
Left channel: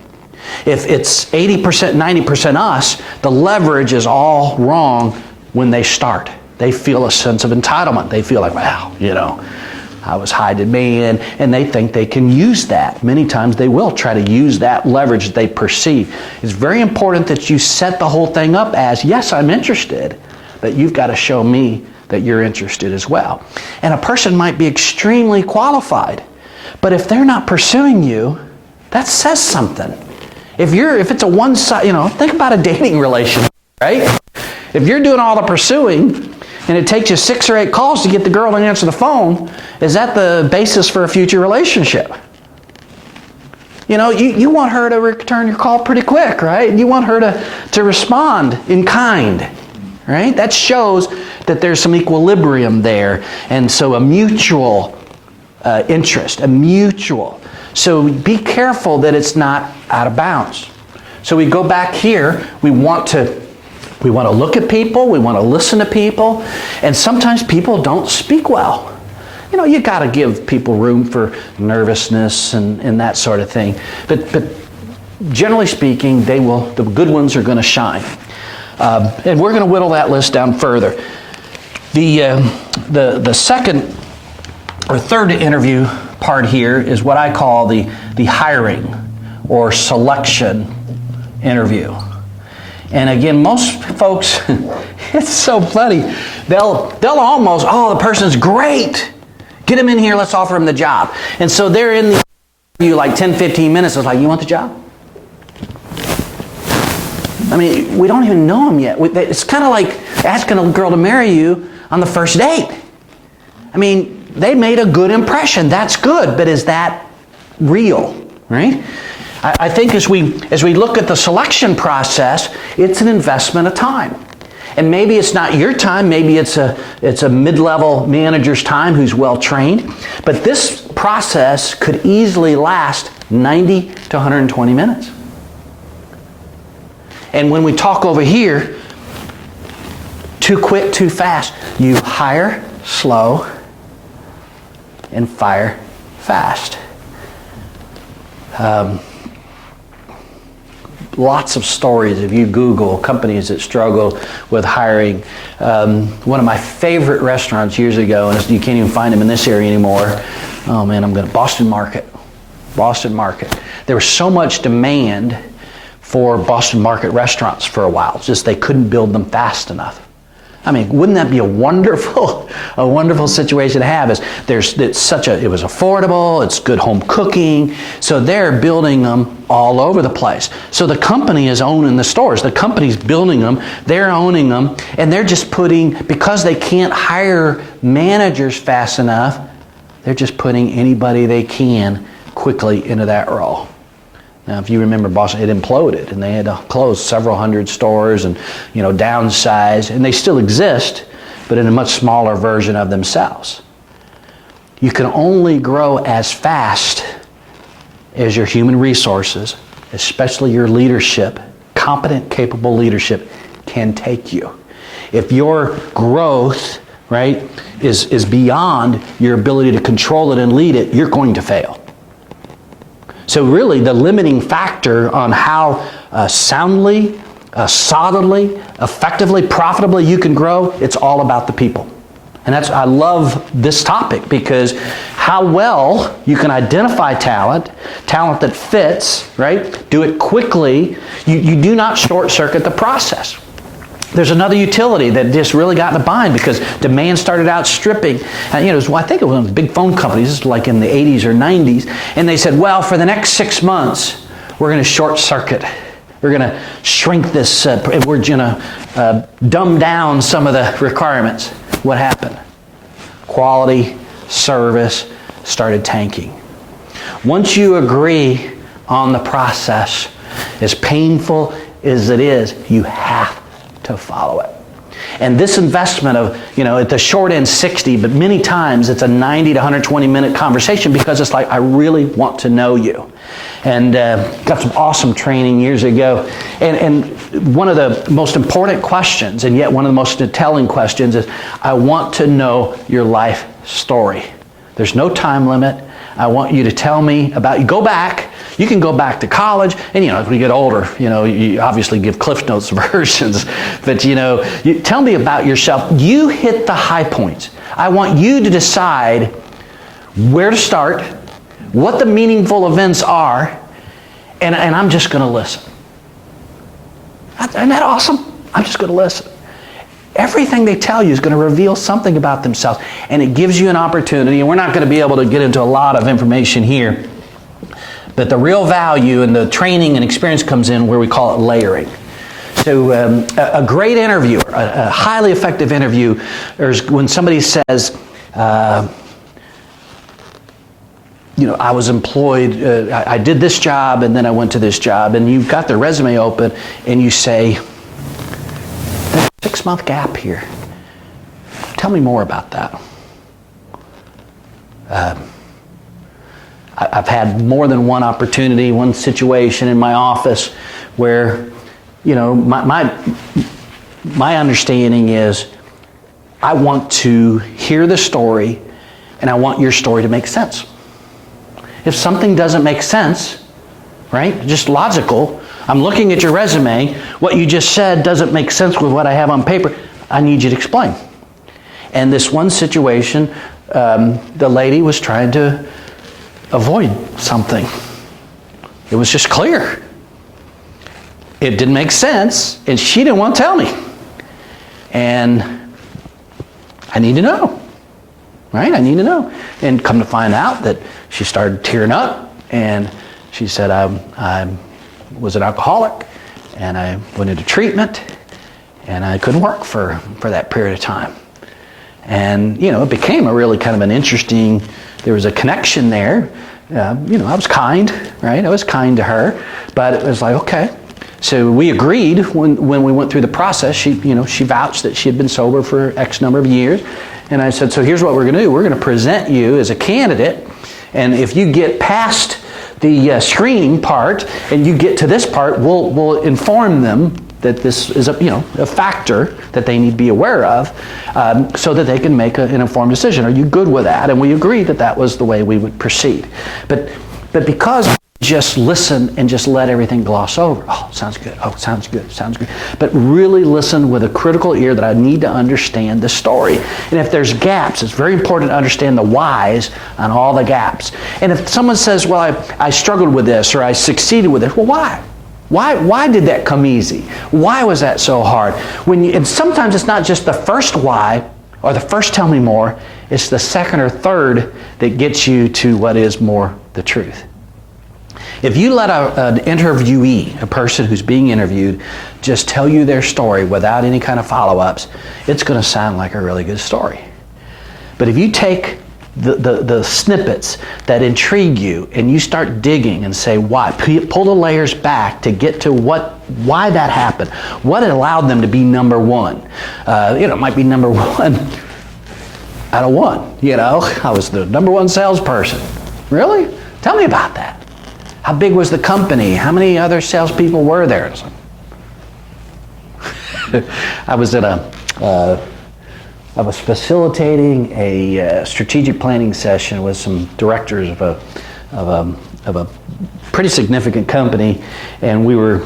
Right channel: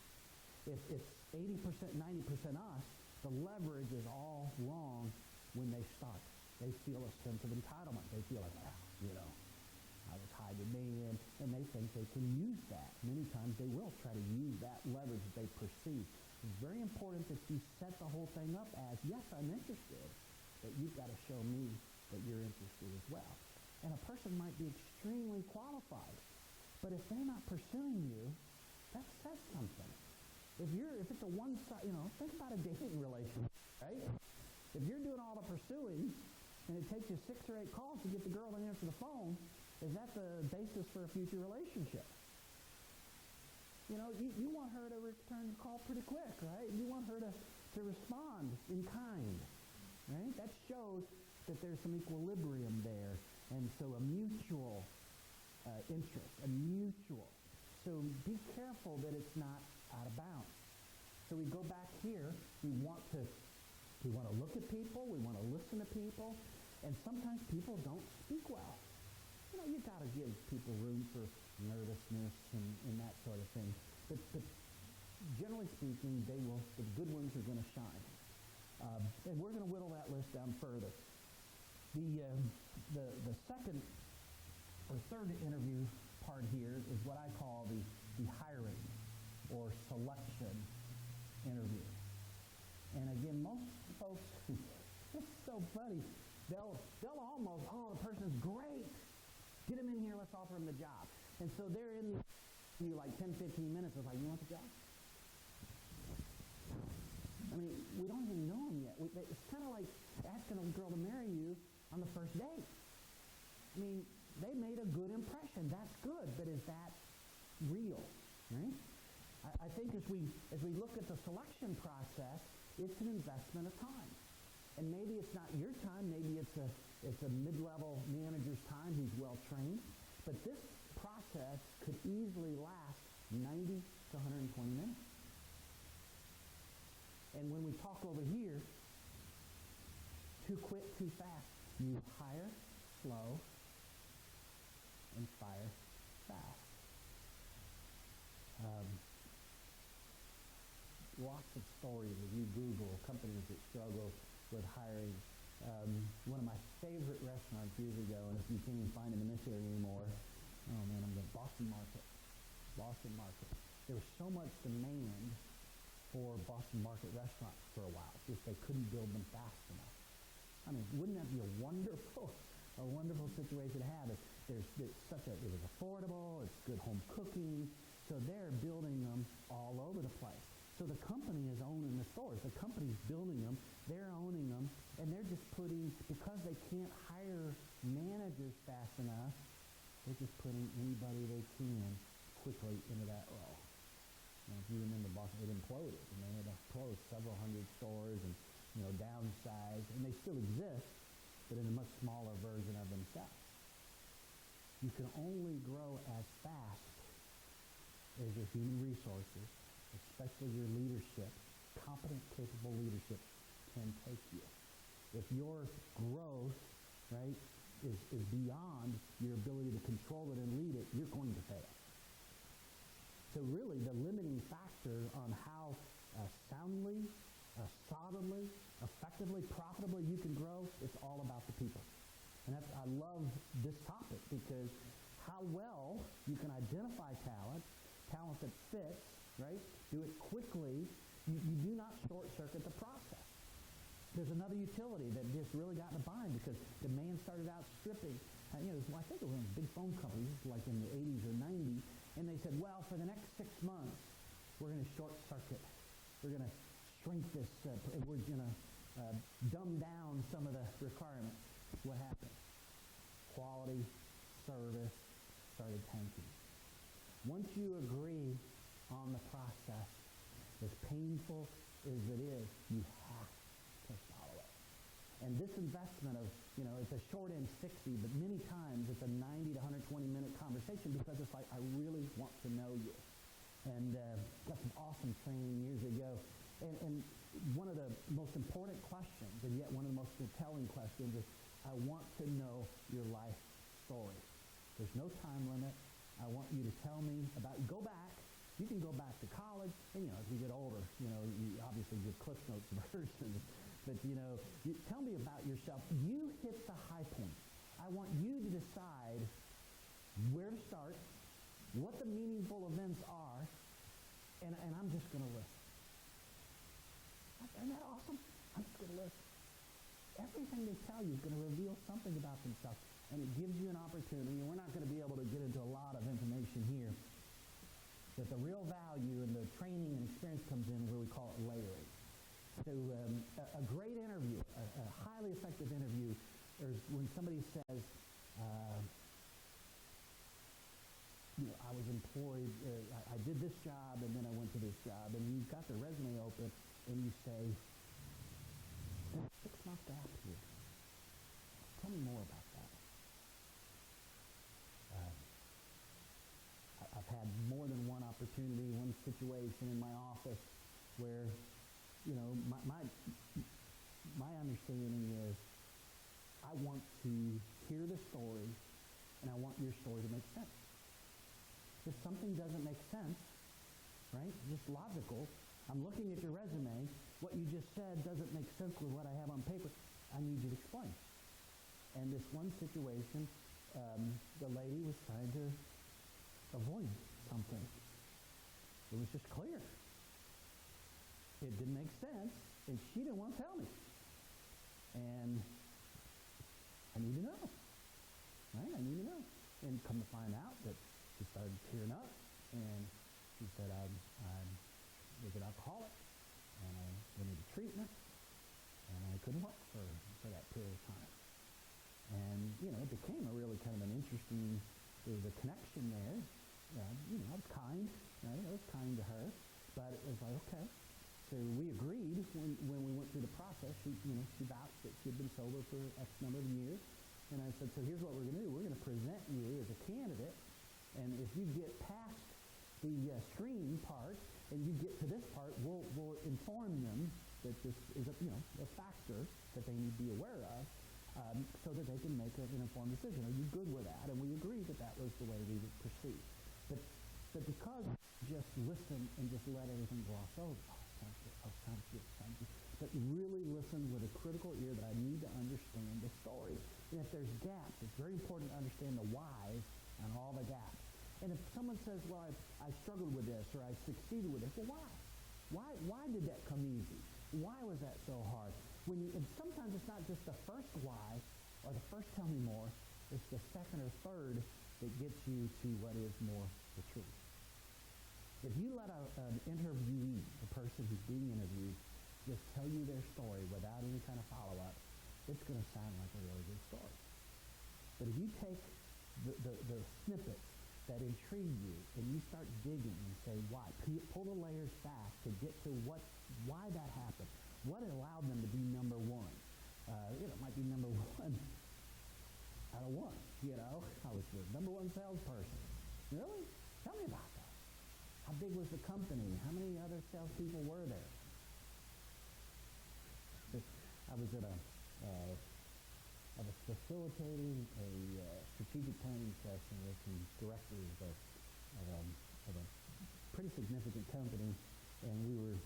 If it's 80%, 90% us, the leverage is all wrong when they start. They feel a sense of entitlement. They feel like, wow, you know, I was high demand, and they think they can use that. Many times they will try to use that leverage that they perceive. It's very important that you set the whole thing up as, yes, I'm interested, but you've got to show me that you're interested as well. And a person might be extremely qualified, but if they're not pursuing you, that says something. If it's a one-side, you know, think about a dating relationship, right? If you're doing all the pursuing, and it takes you 6 or 8 calls to get the girl to answer the phone, is that the basis for a future relationship? You know, you want her to return your call pretty quick, right? You want her to respond in kind, right? That shows that there's some equilibrium there, and so a mutual interest, a mutual. So be careful that it's not out of bounds. So we go back here, we want to look at people, we want to listen to people, and sometimes people don't speak well. You know, you got to give people room for nervousness and that sort of thing. But generally speaking, the good ones are going to shine. And we're going to whittle that list down further. The second or third interview part here is what I call the hiring or selection interview. And again, most folks, it's so funny. They'll almost, the person's great. Get him in here, let's offer him the job. And so they're in the interview like 10, 15 minutes. It's like, you want the job? I mean, we don't even know him yet. It's kind of like asking a girl to marry you on the first date. I mean, they made a good impression. That's good, but is that real, right? I think as we look at the selection process, it's an investment of time. And maybe it's not your time, maybe it's a mid-level manager's time who's well trained, but this process could easily last 90 to 120 minutes. And when we talk over here, too quick, too fast, you hire slow and fire fast. Lots of stories if you Google companies that struggle with hiring. One of my favorite restaurants years ago, and you can't even find them in this area anymore. Oh man, Boston Market. There was so much demand for Boston Market restaurants for a while. It's just they couldn't build them fast enough. I mean, wouldn't that be a wonderful situation to have? It was affordable, it's good home cooking, so they're building them all over the place. So the company is owning the stores, the company's building them, they're owning them, and they're just because they can't hire managers fast enough, they're just putting anybody they can quickly into that role. Now, if you remember Boston, it imploded, and they had to close several hundred stores and, downsize, and they still exist, but in a much smaller version of themselves. You can only grow as fast as your human resources, especially your leadership, competent, capable leadership, can take you. If your growth, right, is beyond your ability to control it and lead it, you're going to fail. So really, the limiting factor on how soundly, solidly, effectively, profitably you can grow, it's all about the people. And I love this topic because how well you can identify talent that fits, right? Do it quickly. You do not short circuit the process. There's another utility that just really got in a bind because demand started outstripping. I think it was one of the big phone companies, like in the 80s or 90s, and they said, well, for the next 6 months, we're going to short circuit. We're going to shrink this, we're going to dumb down some of the requirements. What happened? Quality, service started tanking. Once you agree on the process, as painful as it is, you have to follow it. And this investment of, at the short end 60, but many times it's a 90 to 120 minute conversation because it's like, I really want to know you. And got some awesome training years ago. And one of the most important questions, and yet one of the most telling questions is, I want to know your life story. There's no time limit. I want you to tell me about, you can go back to college, and as we get older, you obviously give Cliff Notes versions, but you tell me about yourself. You hit the high points. I want you to decide where to start, what the meaningful events are, and I'm just going to listen. Isn't that awesome? I'm just going to listen. Everything they tell you is going to reveal something about themselves, and it gives you an opportunity, and we're not going to be able to get into a lot of information here, but the real value and the training and experience comes in where we call it layering. So a great interviewer, a highly effective interview, is when somebody says, I was employed, I did this job, and then I went to this job, and you've got their resume open, and you say, there's a 6-month gap here. Tell me more about that. I've had more than one opportunity, one situation in my office where, my understanding is I want to hear the story and I want your story to make sense. If something doesn't make sense, right, just logical, I'm looking at your resume, what you just said doesn't make sense with what I have on paper, I need you to explain. And this one situation, the lady was trying to avoid something. It was just clear. It didn't make sense, and she didn't want to tell me. And I need to know, right? I need to know. And come to find out that she started tearing up, and she said, I was an alcoholic, and I went into treatment, and I couldn't work for that period of time. And, it became a really kind of an interesting, there was a connection there I was kind, right? I was kind to her, but it was like, okay. So we agreed when we went through the process. She vouched that she had been sober for X number of years. And I said, so here's what we're going to do. We're going to present you as a candidate. And if you get past the screening part and you get to this part, we'll inform them that this is a factor that they need to be aware of, so that they can make an informed decision. Are you good with that? And we agreed that was the way we would proceed. But because just listen and just let everything gloss over. Oh, sounds good. Oh, sounds good. Sounds good. But really listen with a critical ear that I need to understand the story. And if there's gaps, it's very important to understand the whys on all the gaps. And if someone says, well, I struggled with this or I succeeded with this, well, why? Why did that come easy? Why was that so hard? And sometimes it's not just the first why or the first tell me more, it's the second or third that gets you to what is more the truth. If you let an interviewee, a person who's being interviewed, just tell you their story without any kind of follow-ups, it's going to sound like a really good story. But if you take the snippets that intrigue you and you start digging and say why, pull the layers back to get to why that happened, what allowed them to be number one. It might be number one out of one. I was the number one salesperson. Really? Tell me about that. How big was the company? How many other salespeople were there? I was facilitating a strategic planning session with some directors of a pretty significant company, and we were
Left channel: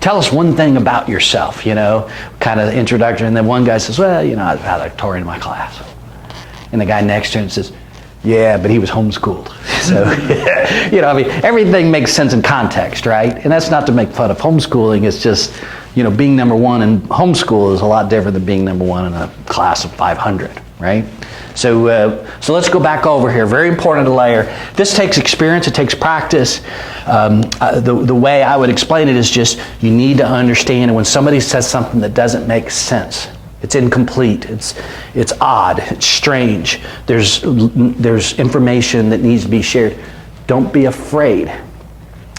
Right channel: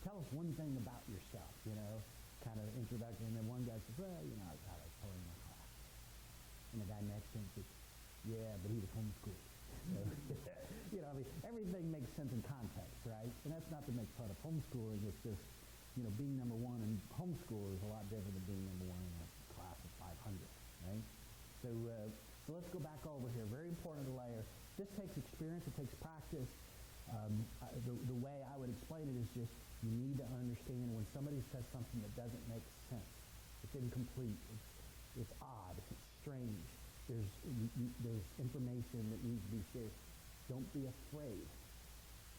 tell us one thing about yourself, kind of introduction. And then one guy says, well, I was valedictorian in my class. And the guy next to him says, yeah, but he was homeschooled. So, everything makes sense in context, right? And that's not to make fun of homeschooling. It's just, being number one in homeschool is a lot different than being number one in a class of 500, right? So let's go back over here. Very important to layer. This takes experience. It takes practice. The way I would explain it is just you need to understand when somebody says something that doesn't make sense. It's incomplete. It's odd. It's strange. There's information that needs to be shared. Don't be afraid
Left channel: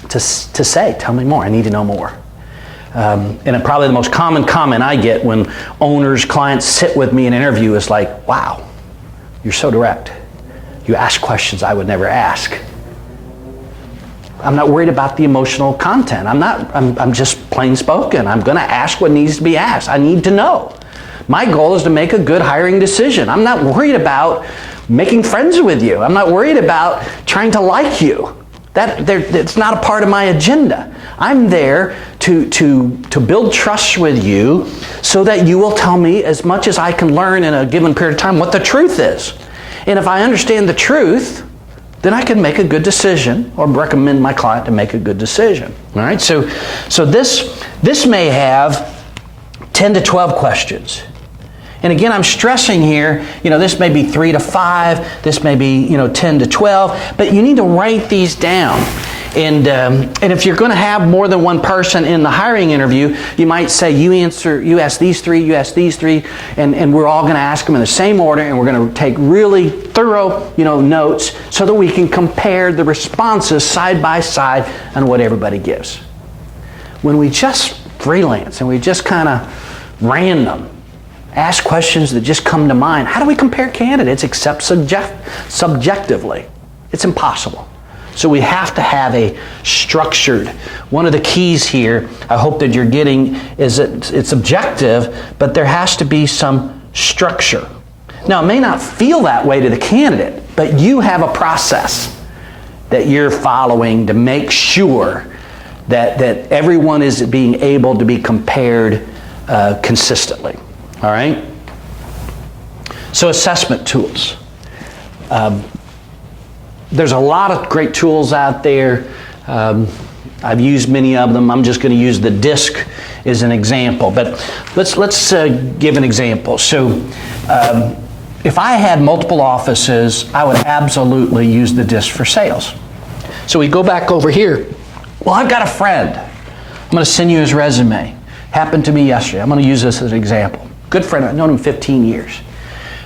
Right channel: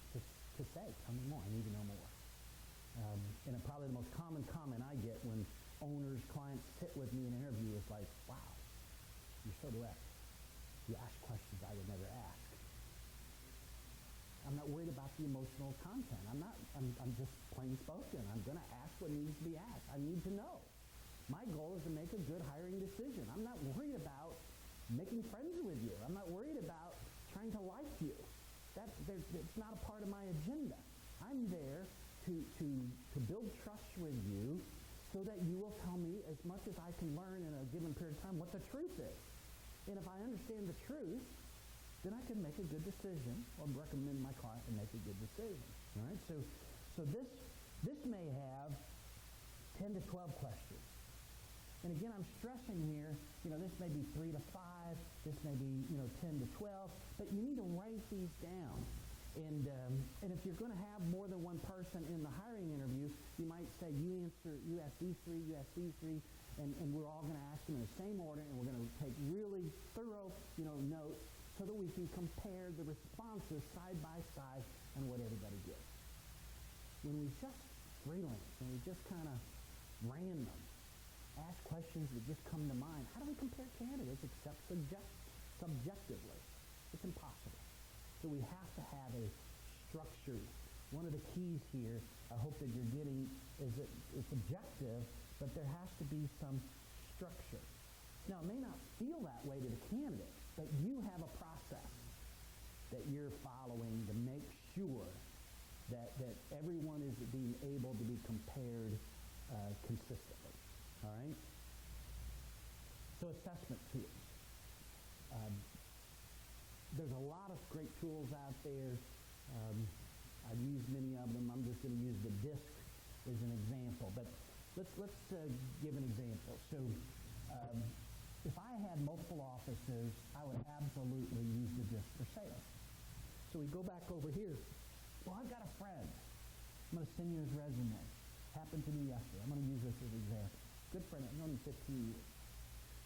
to say, tell me more. I need to know more. And probably the most common comment I get when owners, clients sit with me in an interview is like, wow, you're so direct. You ask questions I would never ask. I'm not worried about the emotional content. I'm just plain spoken. I'm going to ask what needs to be asked. I need to know. My goal is to make a good hiring decision. I'm not worried about making friends with you. I'm not worried about trying to like you. It's not a part of my agenda. I'm there to build trust with you so that you will tell me as much as I can learn in a given period of time what the truth is. And if I understand the truth, then I can make a good decision or recommend my client to make a good decision. All right? So this may have 10 to 12 questions. And again, I'm stressing here, this may be 3 to 5, this may be, 10 to 12, but you need to write these down. And if you're going to have more than one person in the hiring interview, you might say, you ask these three, and we're all going to ask them in the same order, and we're going to take really thorough, notes so that we can compare the responses side by side on what everybody gives. When we just freelance and we just kind of random, ask questions that just come to mind. How do we compare candidates except subjectively? It's impossible. So we have to have a structured. One of the keys here, I hope that you're getting, is that it's objective, but there has to be some structure. Now, it may not feel that way to the candidate, but you have a process that you're following to make sure that everyone is being able to be compared consistently. All right? So assessment tools. There's a lot of great tools out there. I've used many of them. I'm just going to use the DISC as an example. But let's give an example. So if I had multiple offices, I would absolutely use the DISC for sales. So we go back over here. Well, I've got a friend. I'm going to send you his resume. Happened to me yesterday. I'm going to use this as an example. Good friend. I've known him 15 years.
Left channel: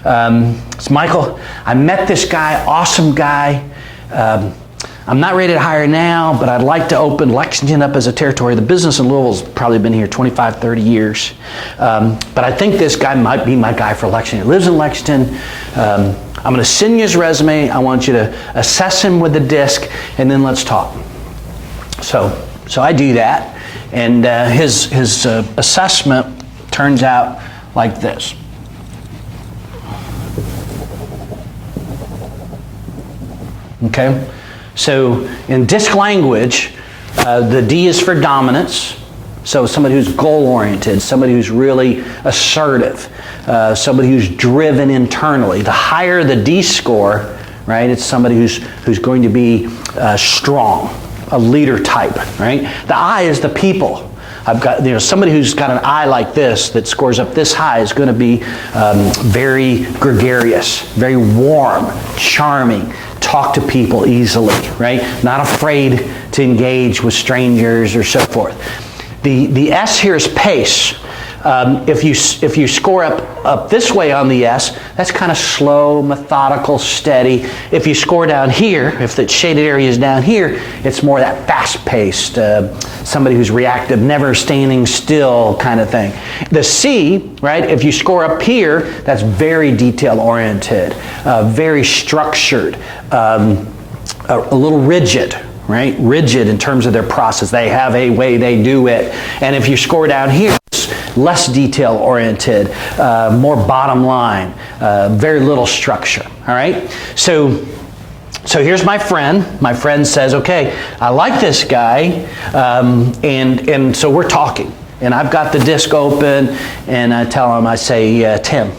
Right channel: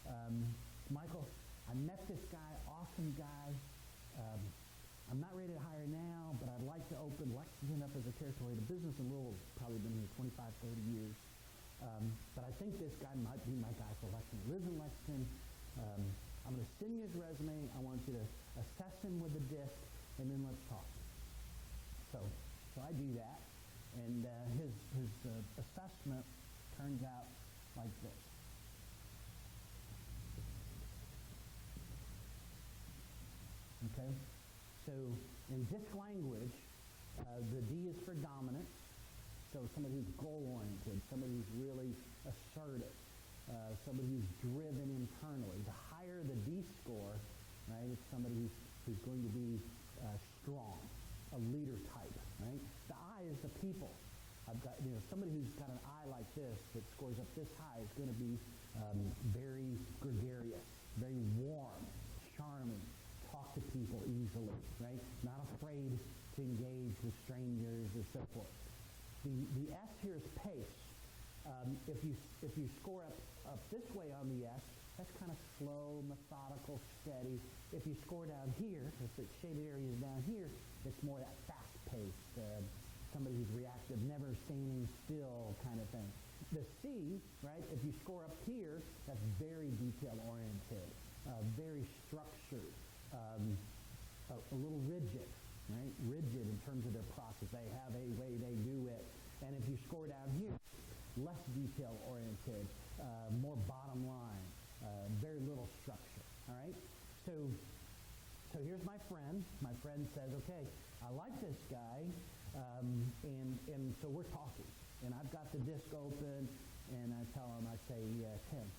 It's Michael. I met this guy, awesome guy. I'm not ready to hire now, but I'd like to open Lexington up as a territory. The business in Louisville's probably been here 25, 30 years. But I think this guy might be my guy for Lexington. He lives in Lexington. I'm going to send you his resume. I want you to assess him with the disc, and then let's talk. So I do that, and his assessment turns out like this. Okay? So in disc language, the D is for dominance. So somebody who's goal-oriented, somebody who's really assertive, somebody who's driven internally. The higher the D score, right, it's somebody who's going to be strong, a leader type, right? The I is the people. I've got, somebody who's got an I like this that scores up this high is going to be very gregarious, very warm, charming, talk to people easily, right? Not afraid to engage with strangers or so forth. The S here is pace. If you score up this way on the S, that's kind of slow, methodical, steady. If you score down here, if the shaded area is down here, it's more that fast-paced, somebody who's reactive, never standing still kind of thing. The C, right, if you score up here, that's very detail-oriented, very structured, a little rigid. Right? Rigid in terms of their process. They have a way they do it. And if you score down here, it's less detail-oriented, more bottom line, very little structure. All right? So here's my friend. My friend says, okay, I like this guy, and so we're talking. And I've got the disc open, and I tell him, I say, Tim,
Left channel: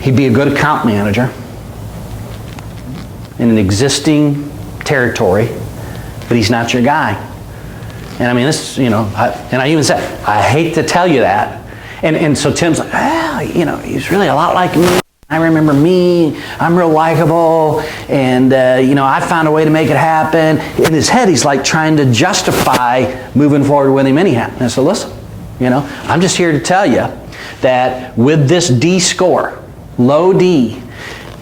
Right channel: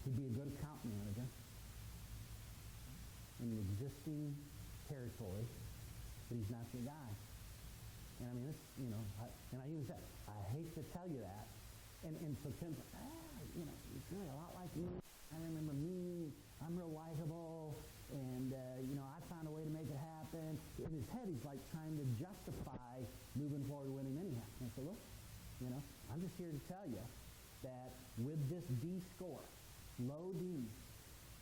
he'd be a good account manager in an existing territory, but he's not your guy. And I mean, this, I even said, I hate to tell you that. And so Tim's like, he's really a lot like me. I remember me, I'm real likable, and I found a way to make it happen. In his head, he's like trying to justify moving forward with him anyhow. And so listen, I'm just here to tell you that with this D score, low D,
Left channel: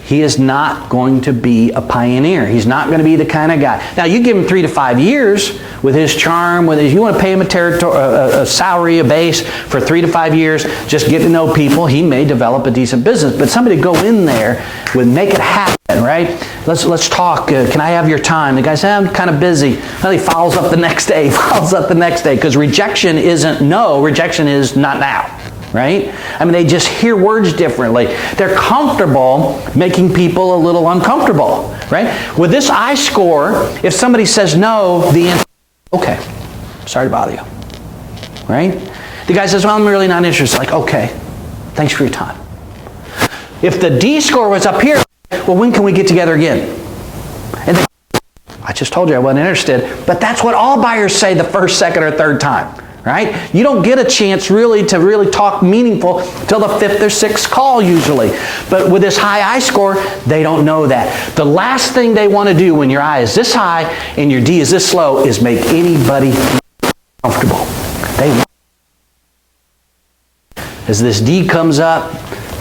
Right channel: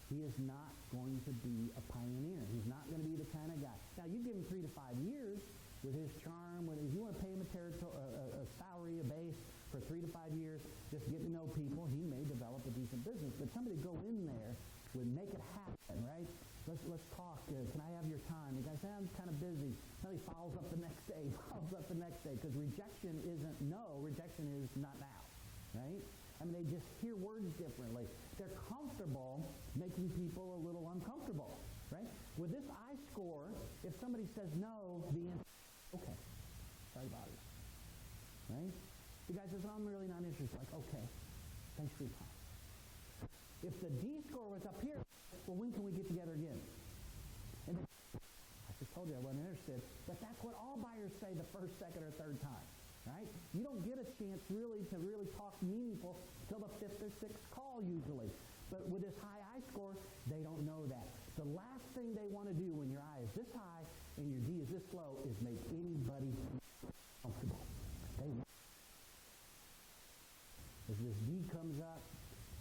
he is not going to be a pioneer. He's not going to be the kind of guy. Now, you give him 3 to 5 years with his charm, you want to pay him a salary, a base for 3 to 5 years, just get to know people. He may develop a decent business. But somebody go in there with make it happen, right? Let's talk. Can I have your time? The guy says, I'm kind of busy. Well, he follows up the next day, because rejection isn't no. Rejection is not now. Right? I mean, they just hear words differently. They're comfortable making people a little uncomfortable, right? With this I score, if somebody says no, the answer is, okay, sorry to bother you, right? The guy says, well, I'm really not interested. Like, okay, thanks for your time. If the D score was up here, well, when can we get together again? And then, I just told you I wasn't interested, but that's what all buyers say the first, second, or third time. Right? You don't get a chance to talk meaningful till the 5th or 6th call usually. But with this high I score, they don't know that. The last thing they want to do when your I is this high and your D is this low is make anybody comfortable. As this D comes up,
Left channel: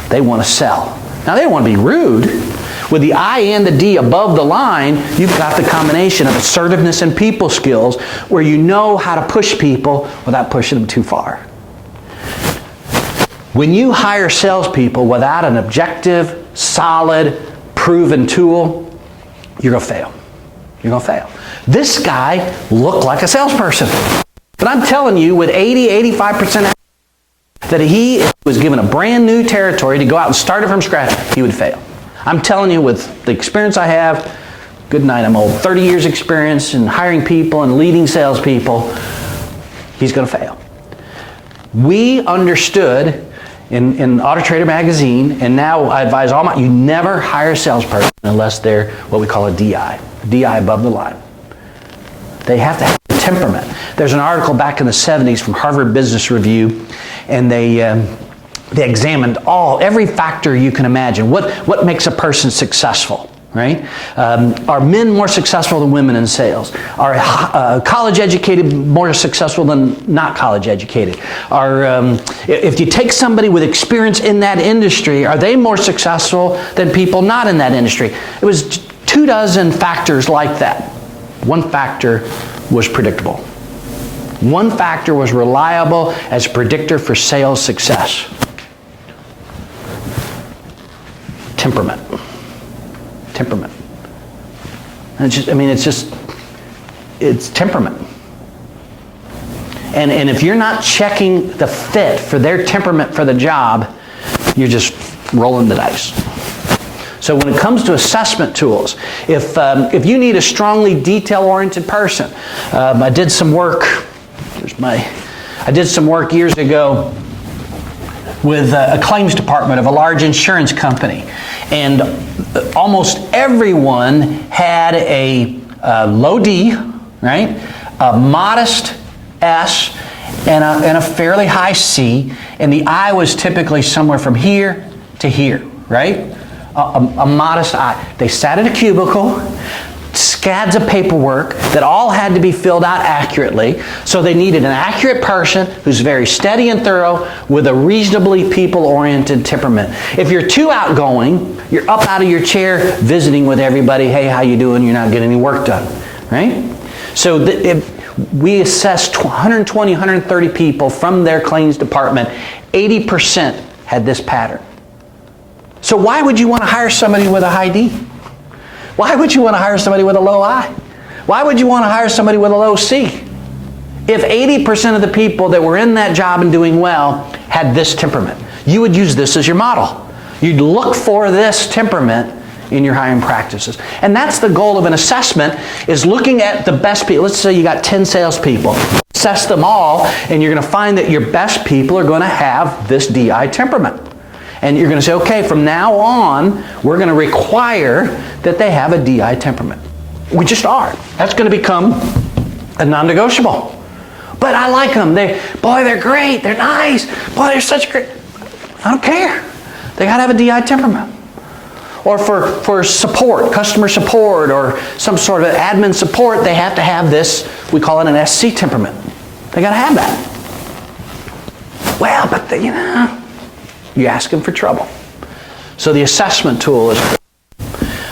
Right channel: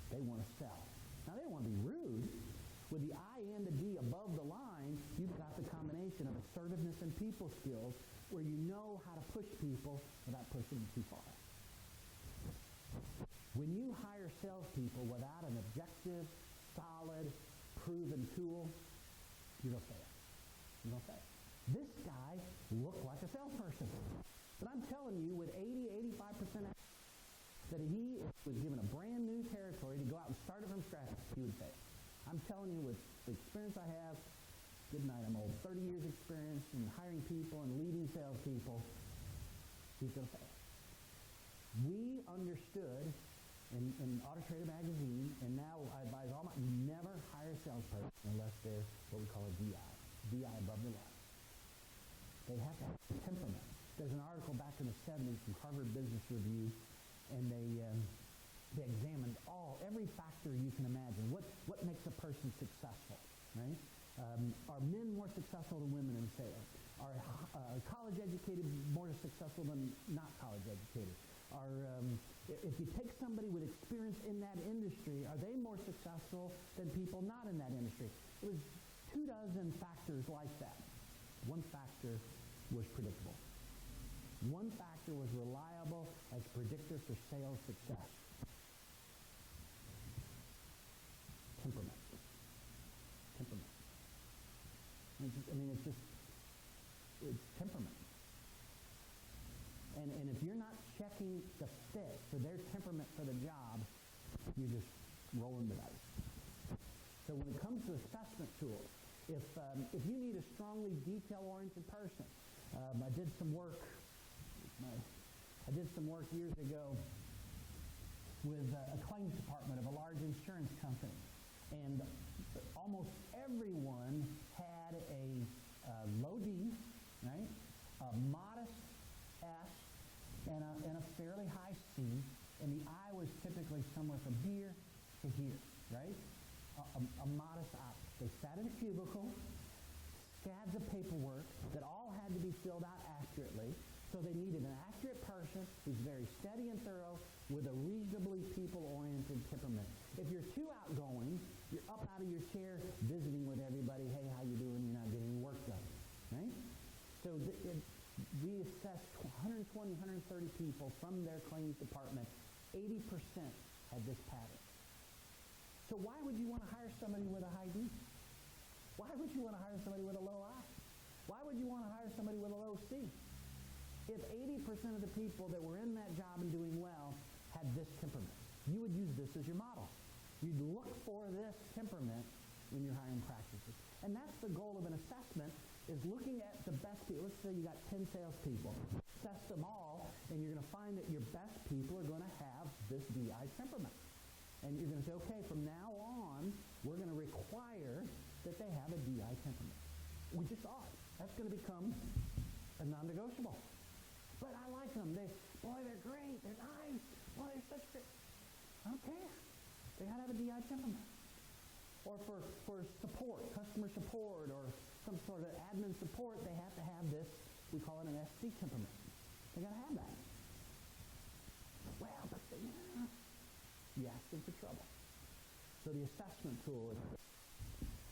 they want to sell. Now they don't want to be rude. With the I and the D above the line, you've got the combination of assertiveness and people skills where you know how to push people without pushing them too far. When you hire salespeople without an objective, solid, proven tool, you're going to fail. You're going to fail. This guy looked like a salesperson. But I'm telling you, with 80-85% that he was given a brand new territory to go out and start it from scratch, he would fail. I'm telling you, with the experience I have, good night, I'm old, 30 years experience in hiring people and leading salespeople, he's going to fail. We understood in Auto Trader magazine, and now I advise all you never hire a salesperson unless they're what we call a DI above the line. They have to have temperament. There's an article back in the 70s from Harvard Business Review, and they examined every factor you can imagine. What makes a person successful? right? Are men more successful than women in sales? Are college educated more successful than not college educated? If you take somebody with experience in that industry, are they more successful than people not in that industry? It was 24 factors like that. One factor was predictable. One factor was reliable as a predictor for sales success. Temperament. Temperament. And it's temperament. And if you're not checking the fit for their temperament for the job, you're just rolling the dice. So when it comes to assessment tools, if you need a strongly detail-oriented person, I did some work years ago with a claims department of a large insurance company. And almost everyone had a low D, right? A modest S, and a fairly high C. And the I was typically somewhere from here to here, right? A modest I. They sat in a cubicle, scads of paperwork that all had to be filled out accurately. So they needed an accurate person who's very steady and thorough with a reasonably people-oriented temperament. If you're too outgoing, you're up out of your chair visiting with everybody, hey, how you doing? You're not getting any work done, right? So we assessed 120, 130 people from their claims department. 80% had this pattern. So why would you want to hire somebody with a high D? Why would you want to hire somebody with a low I? Why would you want to hire somebody with a low C? If 80% of the people that were in that job and doing well had this temperament, you would use this as your model. You'd look for this temperament in your hiring practices. And that's the goal of an assessment, is looking at the best people. Let's say you got 10 salespeople. Assess them all, and you're going to find that your best people are going to have this DI temperament. And you're going to say, okay, from now on, we're going to require that they have a DI temperament. We just are. That's going to become a non-negotiable. But I like them. They're great. They're nice. Boy, they're such great. I don't care. They got to have a DI temperament. Or for support, customer support, or some sort of admin support, they have to have this, we call it an SC temperament. They got to have that. Well, but you ask them for trouble. So the assessment tool is,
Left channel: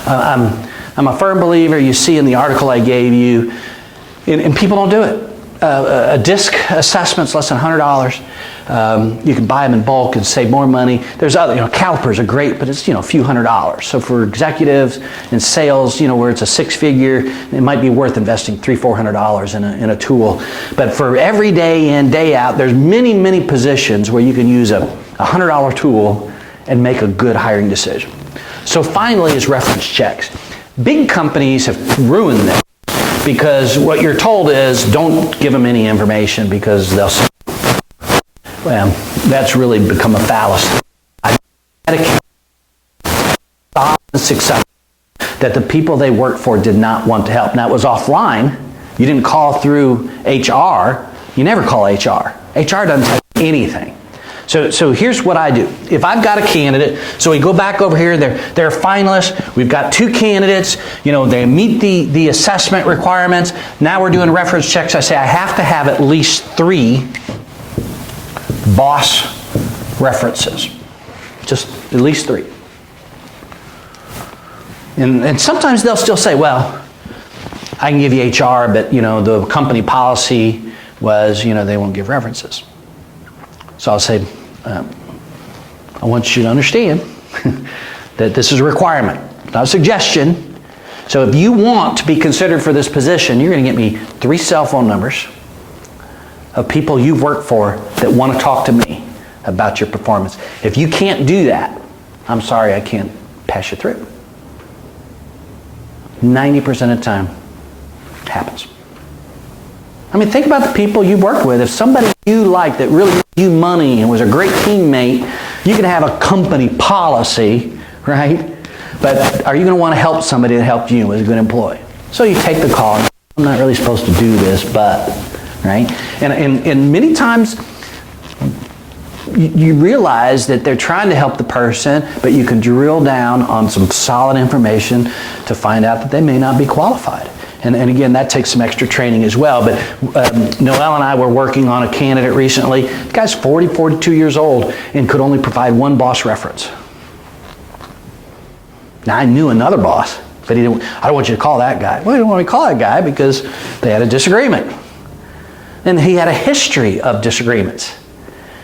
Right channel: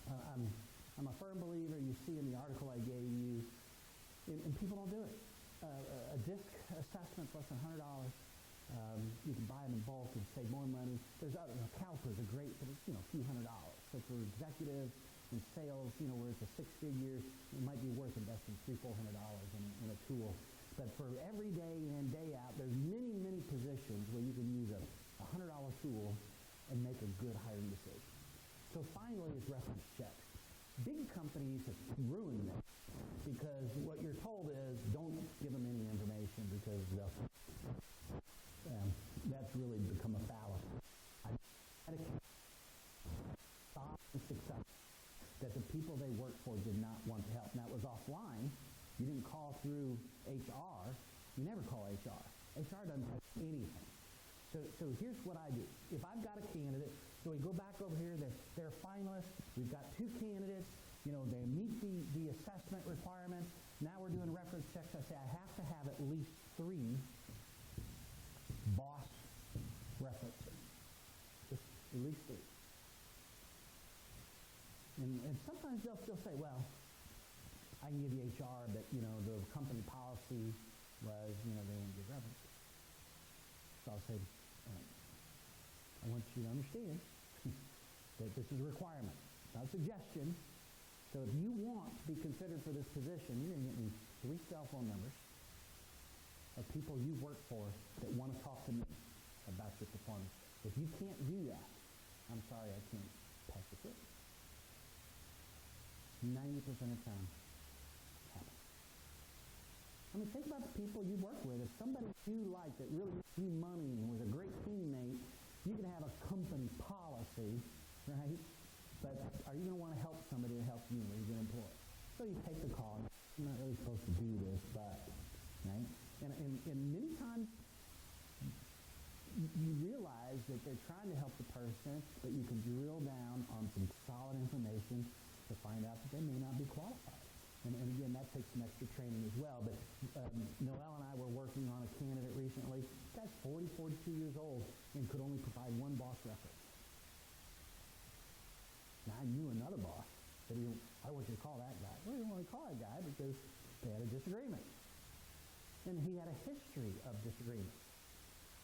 I'm a firm believer, you see in the article I gave you, and people don't do it. A disc assessment's less than $100. You can buy them in bulk and save more money. There's other, calipers are great, but it's, a few $100s. So for executives and sales, where it's a six-figure, it might be worth investing $300-400 in a tool. But for every day in, day out, there's many, many positions where you can use a $100 tool and make a good hiring decision. So finally is reference checks. Big companies have ruined them because what you're told is don't give them any information because they'll say, well, that's really become a fallacy. I had a success that the people they worked for did not want to help. Now it was offline. You didn't call through HR. You never call HR. HR doesn't tell you anything. So here's what I do. If I've got a candidate, so we go back over here, they're finalists, we've got two candidates, they meet the assessment requirements, now we're doing reference checks, I say I have to have at least 3 boss references. Just at least 3. And sometimes they'll still say, well, I can give you HR, but the company policy was, they won't give references. So I'll say, I want you to understand that this is a requirement, not a suggestion. So if you want to be considered for this position, you're going to get me 3 cell phone numbers of people you've worked for that want to talk to me about your performance. If you can't do that, I'm sorry, I can't pass you through. 90% of the time, it happens. I mean, think about the people you work with. If somebody you like that really gave you money and was a great teammate, you can have a company policy, right? But are you going to want to help somebody that helped you as a good employee? So you take the call. I'm not really supposed to do this, but, right? And many times, you realize that they're trying to help the person, but you can drill down on some solid information to find out that they may not be qualified. And again, that takes some extra training as well. But Noel and I were working on a candidate recently. The guy's 40, 42 years old and could only provide one boss reference. Now, I knew another boss, but I don't want you to call that guy. Well, I don't want to call that guy because they had a disagreement. And he had a history of disagreements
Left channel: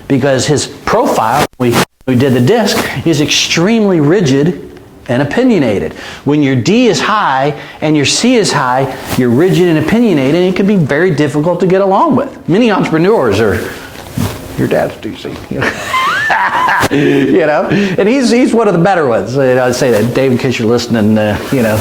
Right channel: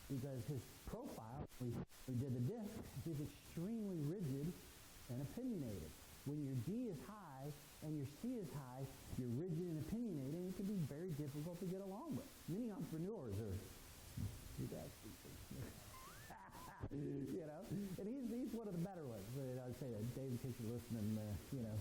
because his profile, we did the disc, is extremely rigid and opinionated. When your D is high and your C is high, you're rigid and opinionated, and it can be very difficult to get along with. Many entrepreneurs are, your dad's DC. You know, and he's one of the better ones. I'd say that, Dave, in case you're listening, you know.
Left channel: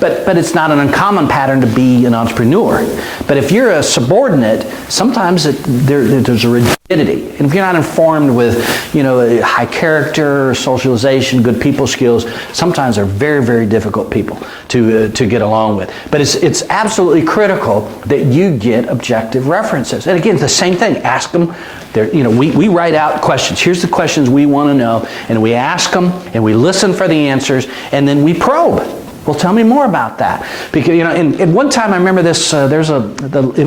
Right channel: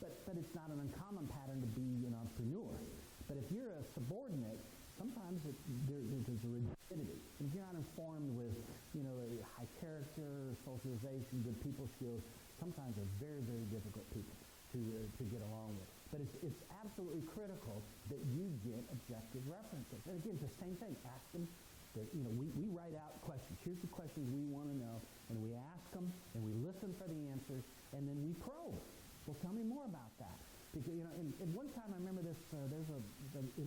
But it's not an uncommon pattern to be an entrepreneur. But if you're a subordinate, sometimes there's a rigidity. And if you're not informed with, you know, high character, socialization, good people skills, sometimes they're very, very difficult people to get along with. But it's absolutely critical that you get objective references. And again, the same thing. Ask them. You know, we write out questions. Here's the questions we want to know, and we ask them, and we listen for the answers, and then we probe. Well, tell me more about that. Because, you know, and one time I remember this. It was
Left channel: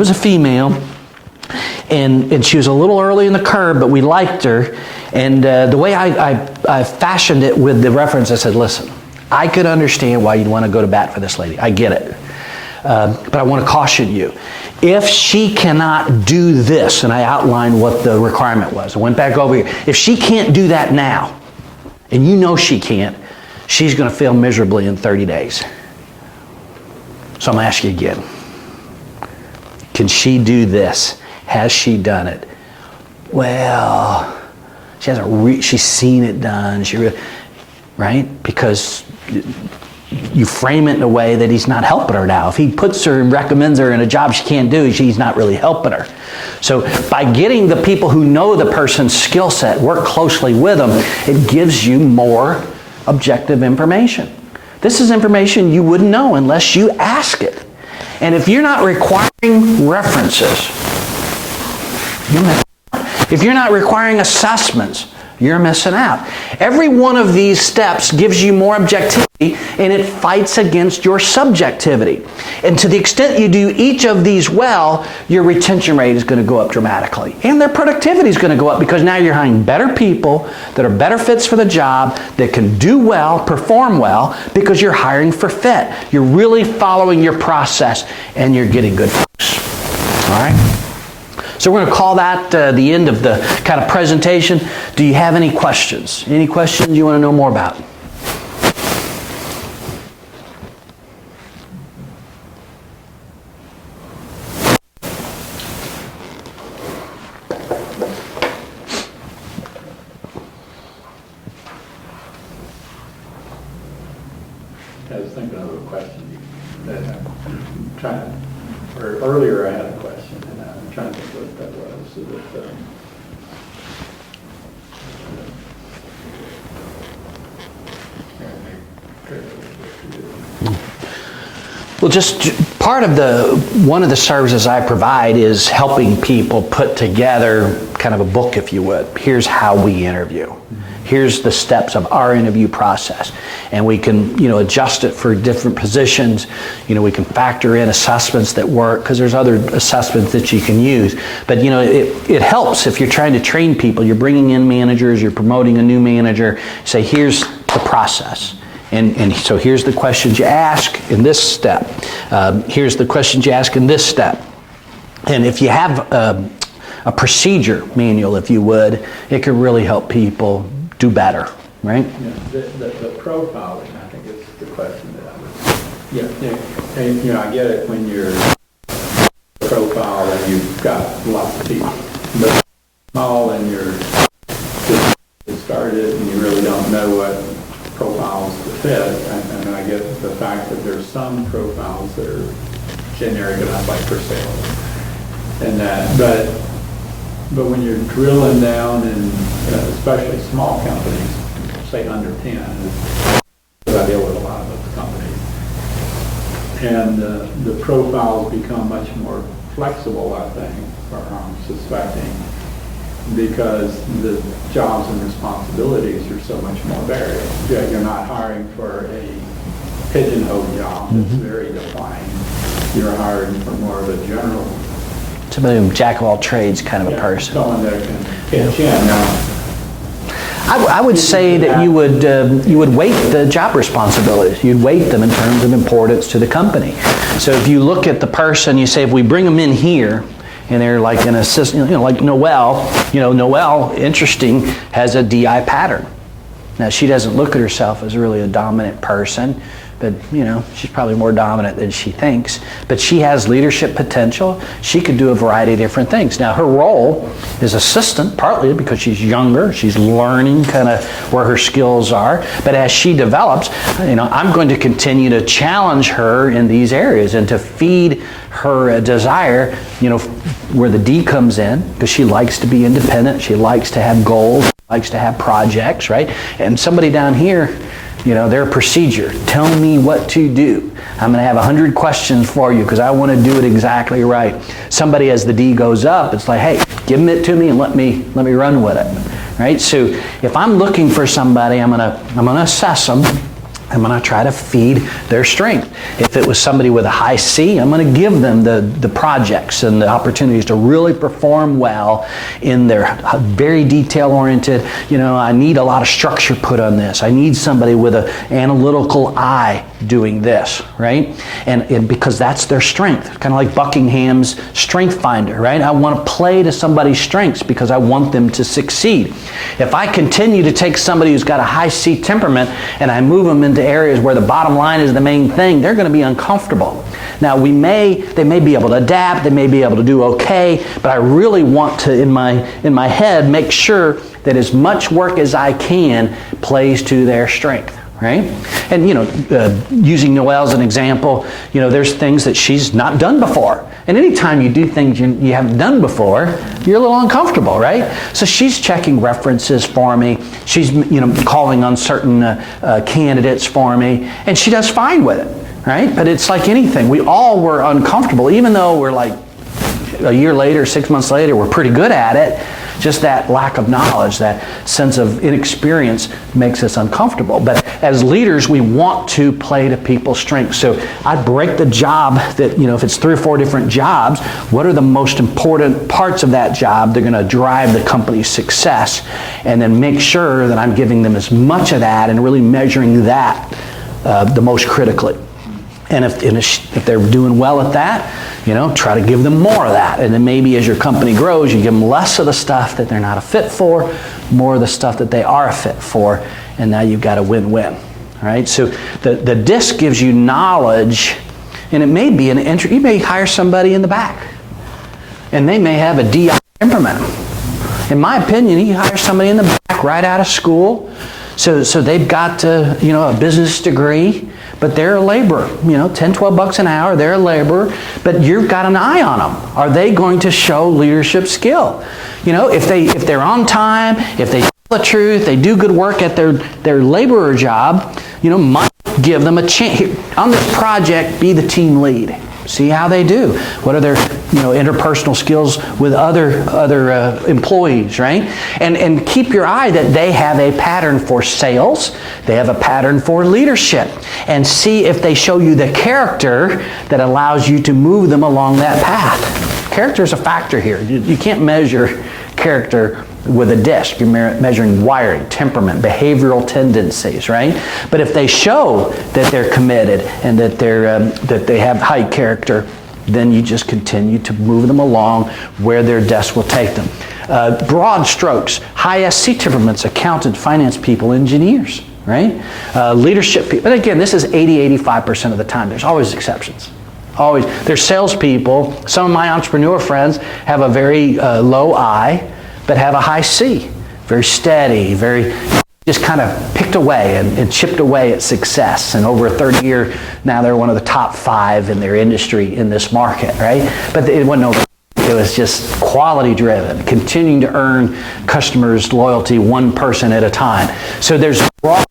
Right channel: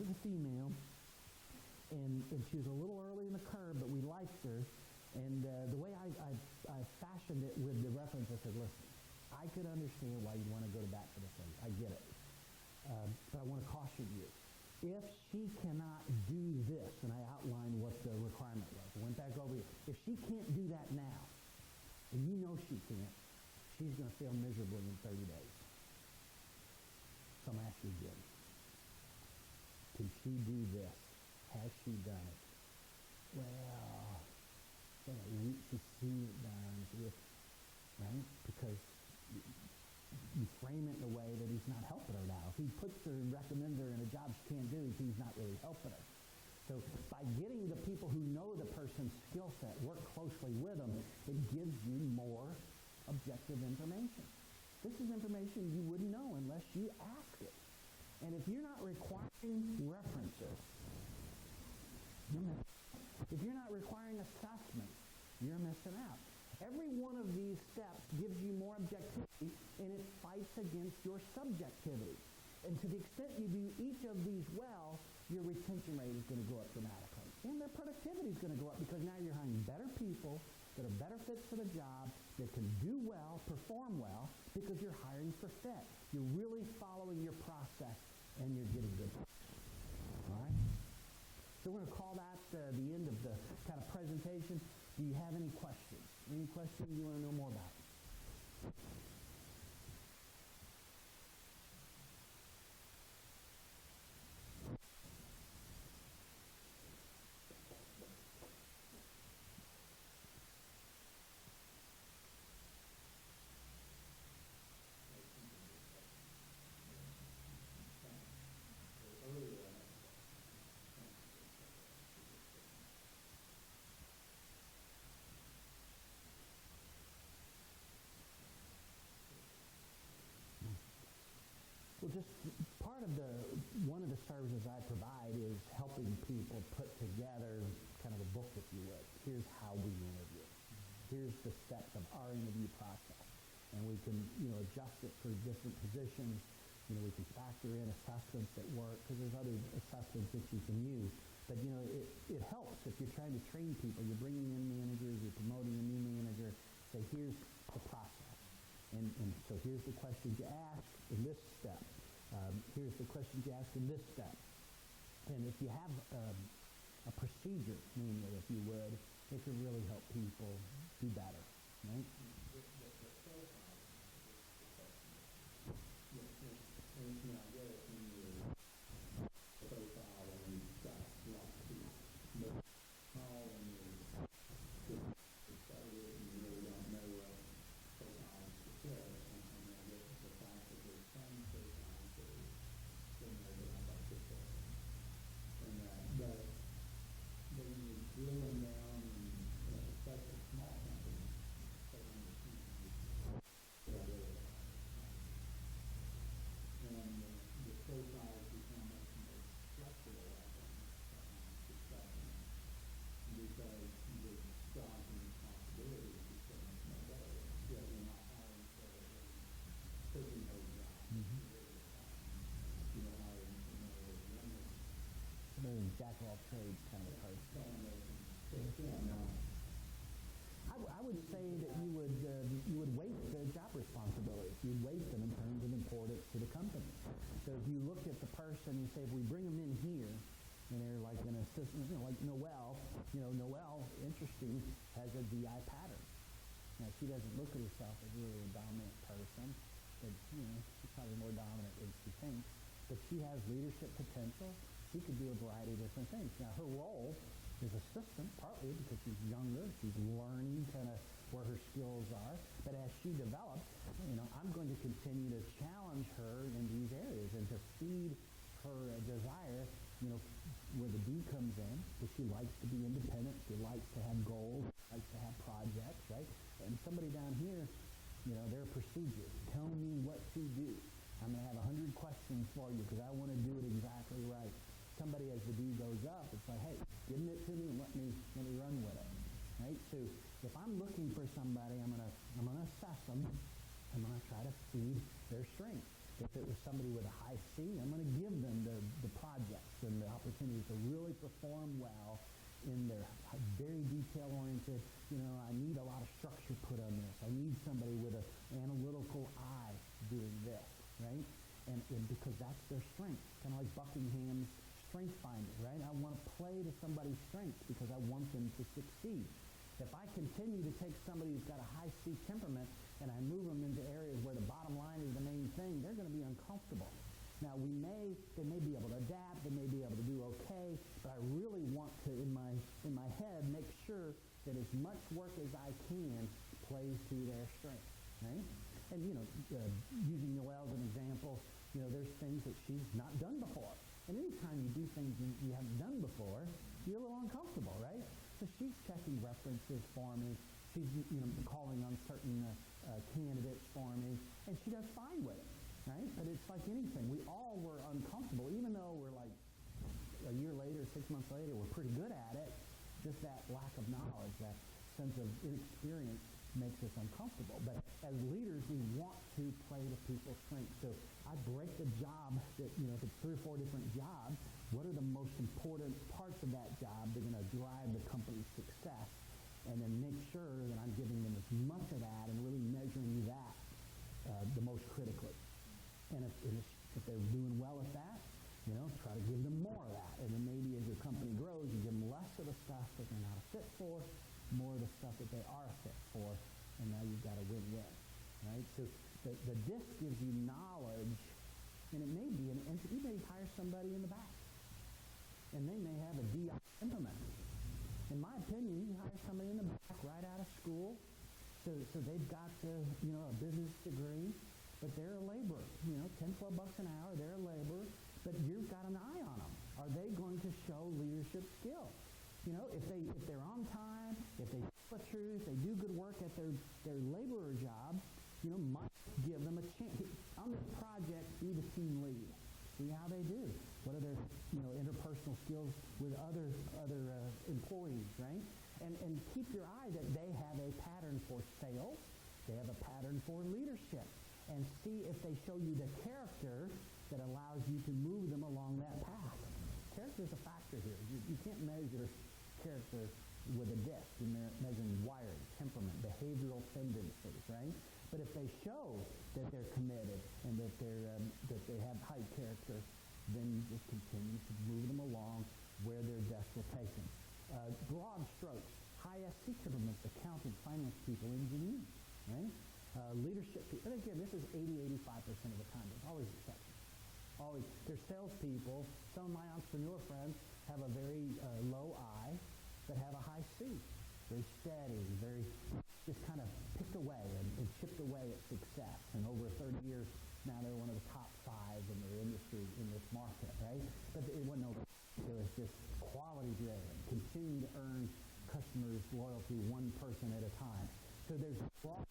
a female, and she was a little early in the curve, but we liked her. And the way I fashioned it with the reference, I said, "Listen, I could understand why you'd want to go to bat for this lady. I get it, but I want to caution you." If she cannot do this, and I outlined what the requirement was, I went back over here. If she can't do that now, and you know she can't, she's going to fail miserably in 30 days. So I'm going to ask you again. Can she do this? Has she done it? Well, she hasn't. She's seen it done. Right? Because you frame it in a way that he's not helping her now. If he puts her and recommends her in a job she can't do, he's not really helping her. So by getting the people who know the person's skill set, work closely with them, it gives you more objective information. This is information you wouldn't know unless you ask it. And if you're not requiring references, you're missing out. If you're not requiring assessments, you're missing out. Every one of these steps gives you more objectivity, and it fights against your subjectivity. And to the extent you do each of these well, your retention rate is going to go up dramatically. And their productivity is going to go up because now you're hiring better people that are better fits for the job, that can do well, perform well, because you're hiring for fit. You're really following your process, and you're getting good folks. All right? So we're going to call that the end of the kind of presentation. Do you have any questions? Any questions you want to know more about? I was thinking of a question that I'm trying to, or earlier I had a question, and I'm trying to think what that was. So that, Well, just part of one of the services I provide is helping people put together kind of a book, if you would. Here's how we interview. Here's the steps of our interview process. And we can, adjust it for different positions. We can factor in assessments that work, because there's other assessments that you can use. But, it helps if you're trying to train people. You're bringing in managers, you're promoting a new manager. Say, here's the process. And so here's the questions you ask in this step. Here's the questions you ask in this step. And if you have a procedure manual, if you would, it could really help people do better, right? Yeah, the profiling, I think, is the question that I would. And I get it when you're profile and you've got lots of people, but small and you're just started and you really don't know what profiles to fit, and I get the fact that there's some profiles that are generic enough, like for sale, and that, but when you're drilling down in, especially small companies, say under 10, because I deal with a lot of those companies, and the profiles become much more flexible, I think, or I'm suspecting, because the jobs and responsibilities are so much more varied. You're not hiring for a pigeonhole job that's very defined. You're hiring for more of a general. Somebody who's jack of all trades kind of a person. Someone that can pitch in. Now, I would say that you would weight the job responsibilities. You'd weight them in terms of importance to the company. So if you look at the person, you say, if we bring them in here, and they're like an assistant, like Noelle. Noelle, interesting, has a DI pattern. Now, she doesn't look at herself as really a dominant person, but she's probably more dominant than she thinks. But she has leadership potential. She could do a variety of different things. Now, her role is assistant, partly because she's younger. She's learning kind of where her skills are. But as she develops, I'm going to continue to challenge her in these areas and to feed her desire, where the D comes in, because she likes to be independent. She likes to have goals, likes to have projects, right? And somebody down here, their procedure. Tell me what to do. I'm going to have 100 questions for you because I want to do it exactly right. Somebody, as the D goes up, it's like, hey, give it to me and let me run with it, right? So if I'm looking for somebody, I'm going to assess them. I'm going to try to feed their strength. If it was somebody with a high C, I'm going to give them the projects and the opportunities to really perform well in their very detail-oriented, I need a lot of structure put on this. I need somebody with an analytical eye doing this, right? And because that's their strength, kind of like Buckingham's Strength Finder, right? I want to play to somebody's strengths because I want them to succeed. If I continue to take somebody who's got a high C temperament and I move them into areas where the bottom line is the main thing, they're going to be uncomfortable. Now, they may be able to adapt, they may be able to do okay, but I really want to, in my head, make sure that as much work as I can plays to their strength. Right? And, using Noelle as an example, there's things that she's not done before. And anytime you do things you haven't done before, you're a little uncomfortable, right? So she's checking references for me. She's, calling on certain candidates for me. And she does fine with it, right? But it's like anything. We all were uncomfortable, even though we're like a year later, 6 months later, we're pretty good at it. Just that lack of knowledge, that sense of inexperience makes us uncomfortable. But as leaders, we want to play to people's strengths. So I break the job that, if it's 3 or 4 different jobs, what are the most important parts of that job that are going to drive the company's success? And then make sure that I'm giving them as much of that and really measuring that the most critically. And if they're doing well at that, try to give them more of that. And then maybe as your company grows, you give them less of the stuff that they're not a fit for, more of the stuff that they are a fit for, and now you've got a win-win. All right? So the DISC gives you knowledge, and it may be you may hire somebody in the back, and they may have a DI temperament. In my opinion, you hire somebody in the back right out of school, so they've got a business degree, but they're a laborer, $10-12 an hour, they're a laborer, but you've got an eye on them. Are they going to show leadership skill? If they're on time, if they tell the truth, they do good work at their laborer job, might give them a chance. On this project, be the team lead. See how they do. What are their interpersonal skills with other employees, right? And keep your eye that they have a pattern for sales. They have a pattern for leadership. And see if they show you the character that allows you to move them along that path. Character is a factor here. You can't measure character with a DISC. You're measuring wiring, temperament, behavioral tendencies, right? But if they show that they're committed and that they have high character, then you just continue to move them along where their DISC will take them. Broad strokes, high SC temperaments, accountants, finance people, engineers, right? Leadership people. But again, this is 80-85% of the time. There's always exceptions. Always. There's salespeople. Some of my entrepreneur friends have a very low I, but have a high C. Very steady, very just kind of picked away and chipped away at success. And over a 30 year, now they're one of the top 5 in their industry in this market, right? But it wasn't over. It was just quality driven, continuing to earn customers' loyalty one person at a time. So there's broad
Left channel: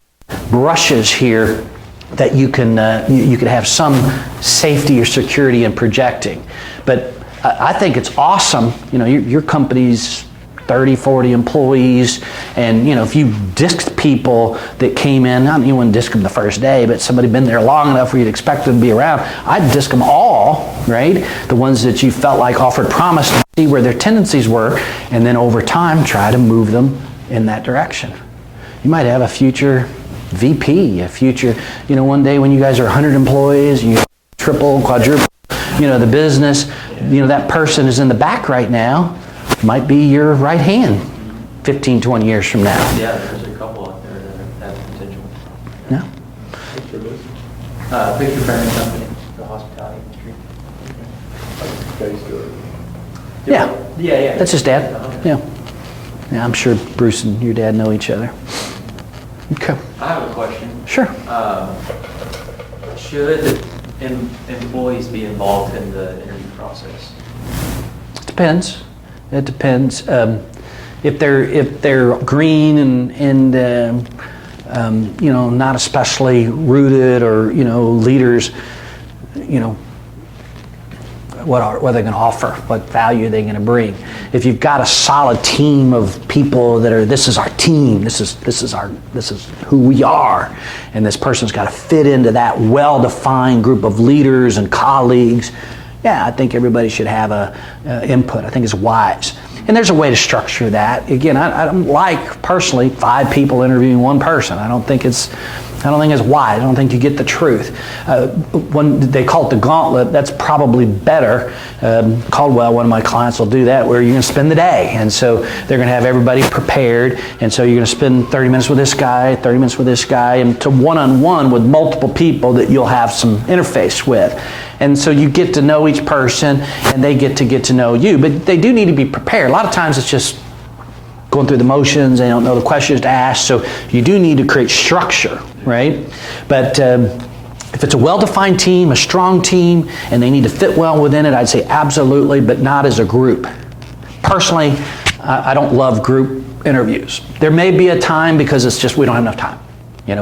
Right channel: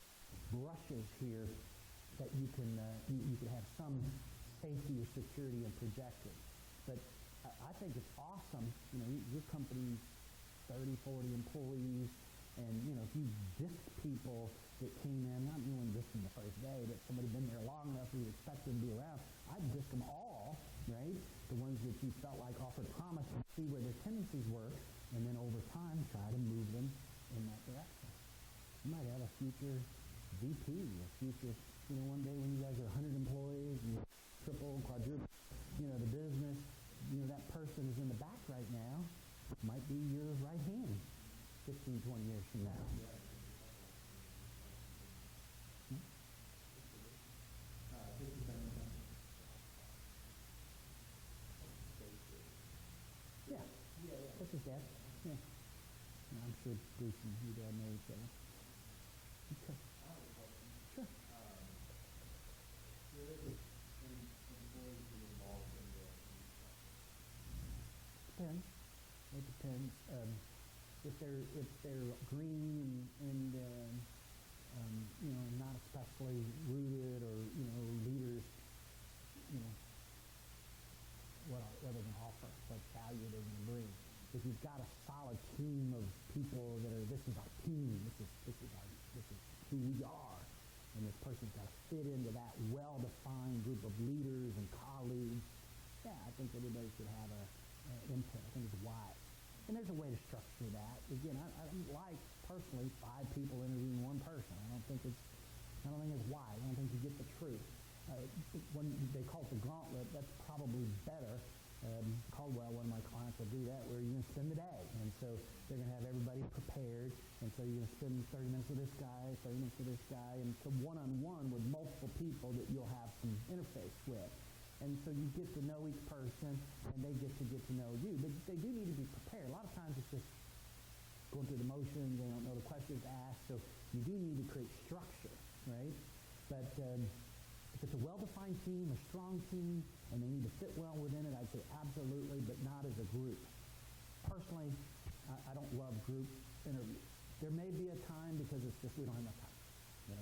brushes here that you can have some safety or security in projecting. But I think it's awesome. Your company's 30, 40 employees, and if you disked people that came in, not you wouldn't disk them the first day, but somebody been there long enough where you'd expect them to be around, I'd disk them all, right? The ones that you felt like offered promise, to see where their tendencies were, and then over time try to move them in that direction. You might have a future VP, a future, one day when you guys are 100 employees, you triple, quadruple, the business, that person is in the back right now, might be your right hand 15, 20 years from now. Yeah, there's a couple out there that have potential. Yeah. Picture framing company, the hospitality industry. Yeah. Yeah. That's his dad. Yeah. Yeah, I'm sure Bruce and your dad know each other. Okay. I have a question. Sure. Should employees be involved in the interview process? It depends. It depends. If they're green and not especially rooted, or leaders, what are they going to offer? What value are they going to bring? If you've got a solid team of people that are, this is our team, this is who we are, and this person's got to fit into that well-defined group of leaders and colleagues, yeah, I think everybody should have a input. I think it's wise. And there's a way to structure that. Again, I don't like, personally, 5 people interviewing one person. I don't think it's wise. I don't think you get the truth. When they call it the gauntlet, that's probably better. Caldwell, one of my clients, will do that, where you're going to spend the day. And so they're going to have everybody prepared. And so you're going to spend 30 minutes with this guy, 30 minutes with this guy, and to one-on-one with multiple people that you'll have some interface with. And so you get to know each person, and they get to know you. But they do need to be prepared. A lot of times it's just going through the motions. They don't know the questions to ask. So you do need to create structure, right? But if it's a well-defined team, a strong team, and they need to fit well within it, I'd say absolutely, but not as a group. Personally, I don't love group interviews. There may be a time, because it's just we don't have enough time.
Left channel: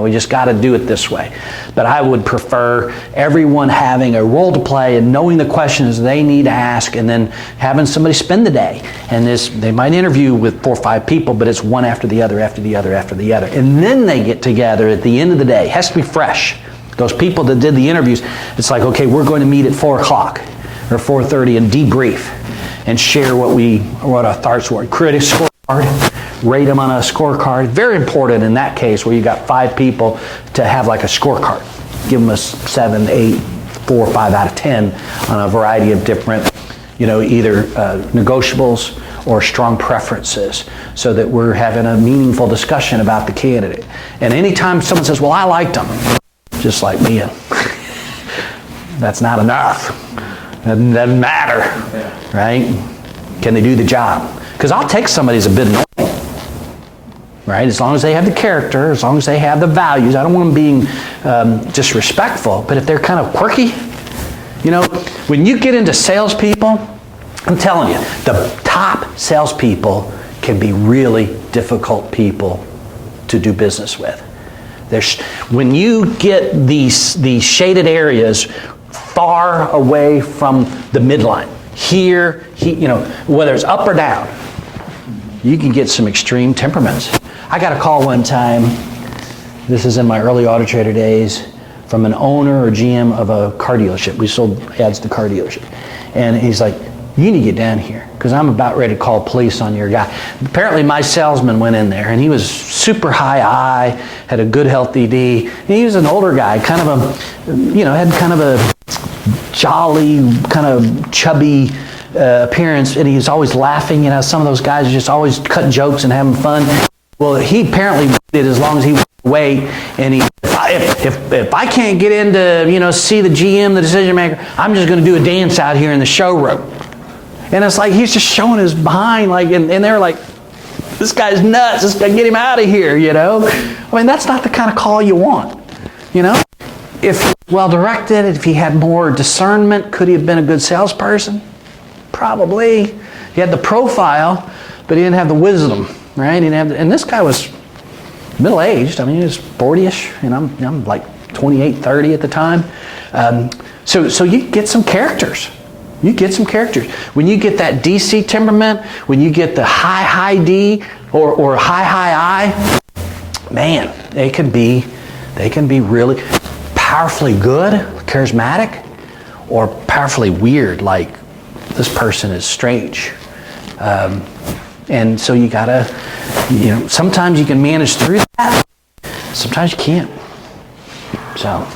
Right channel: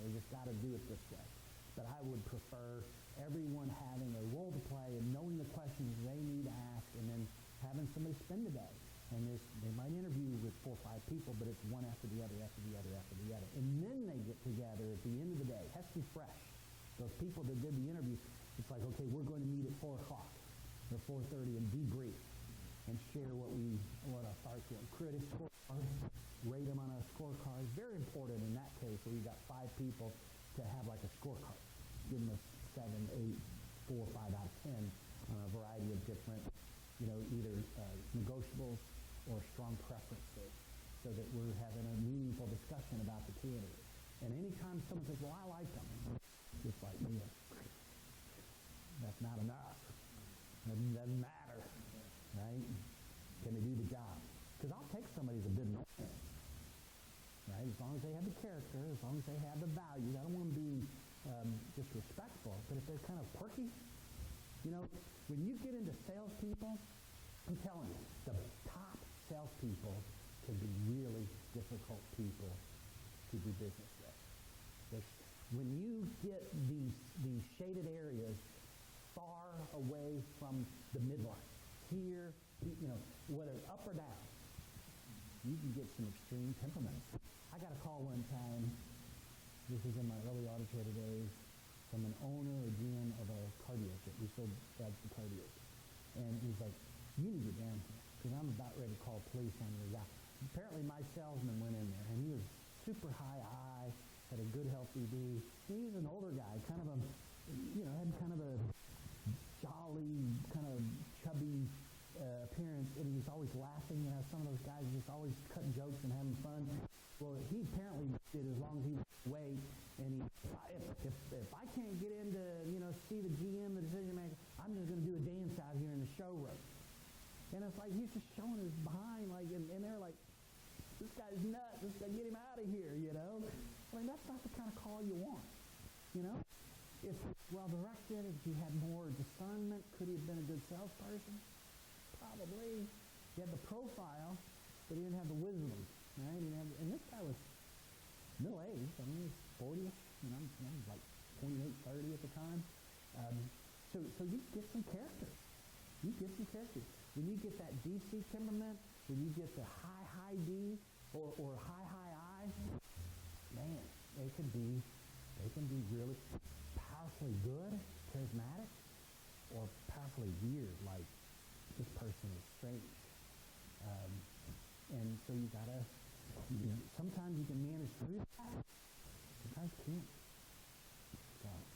We just got to do it this way. But I would prefer everyone having a role to play and knowing the questions they need to ask, and then having somebody spend the day. And they might interview with 4 or 5 people, but it's one after the other, after the other, after the other. And then they get together at the end of the day. It has to be fresh. Those people that did the interviews, it's like, okay, we're going to meet at 4 o'clock or 4:30 and debrief and share what our thoughts were. Create a scorecard. Rate them on a scorecard. Very important in that case, where you got 5 people, to have like a scorecard. Give them a 7, 8, 4, 5 out of 10 on a variety of different, either negotiables or strong preferences, so that we're having a meaningful discussion about the candidate. And anytime someone says, well, I liked them, just like me, that's not enough. Doesn't matter, right? Can they do the job? Because I'll take somebody who's a bit annoying. Right? As long as they have the character, as long as they have the values. I don't want them being disrespectful, but if they're kind of quirky, when you get into salespeople, I'm telling you, the top salespeople can be really difficult people to do business with. When you get these shaded areas far away from the midline, here, whether it's up or down, you can get some extreme temperaments. I got a call one time, this is in my early Auto Trader days, from an owner or GM of a car dealership. We sold ads to car dealership. And he's like, you need to get down here, because I'm about ready to call police on your guy. Apparently my salesman went in there, and he was super high I, had a good health ED. And he was an older guy, kind of had kind of a jolly, kind of chubby appearance, and he was always laughing. Some of those guys are just always cutting jokes and having fun. Well, he apparently did as long as he would wait, and if I can't get in to see the GM, the decision maker, I'm just going to do a dance out here in the showroom. And it's like he's just showing his behind, and they're like, this guy's nuts. This guy, get him out of here. I mean, that's not the kind of call you want. If well directed, if he had more discernment, could he have been a good salesperson? Probably. He had the profile, but he didn't have the wisdom, right? He didn't have and this guy was middle-aged. I mean, he was 40-ish, and I'm like 28, 30 at the time. So you get some characters. You get some characters. When you get that DC temperament, when you get the high D or high I, man, they can be really powerfully good, charismatic, or powerfully weird, like this person is strange. And so you gotta, sometimes you can manage through that, sometimes you can't. So.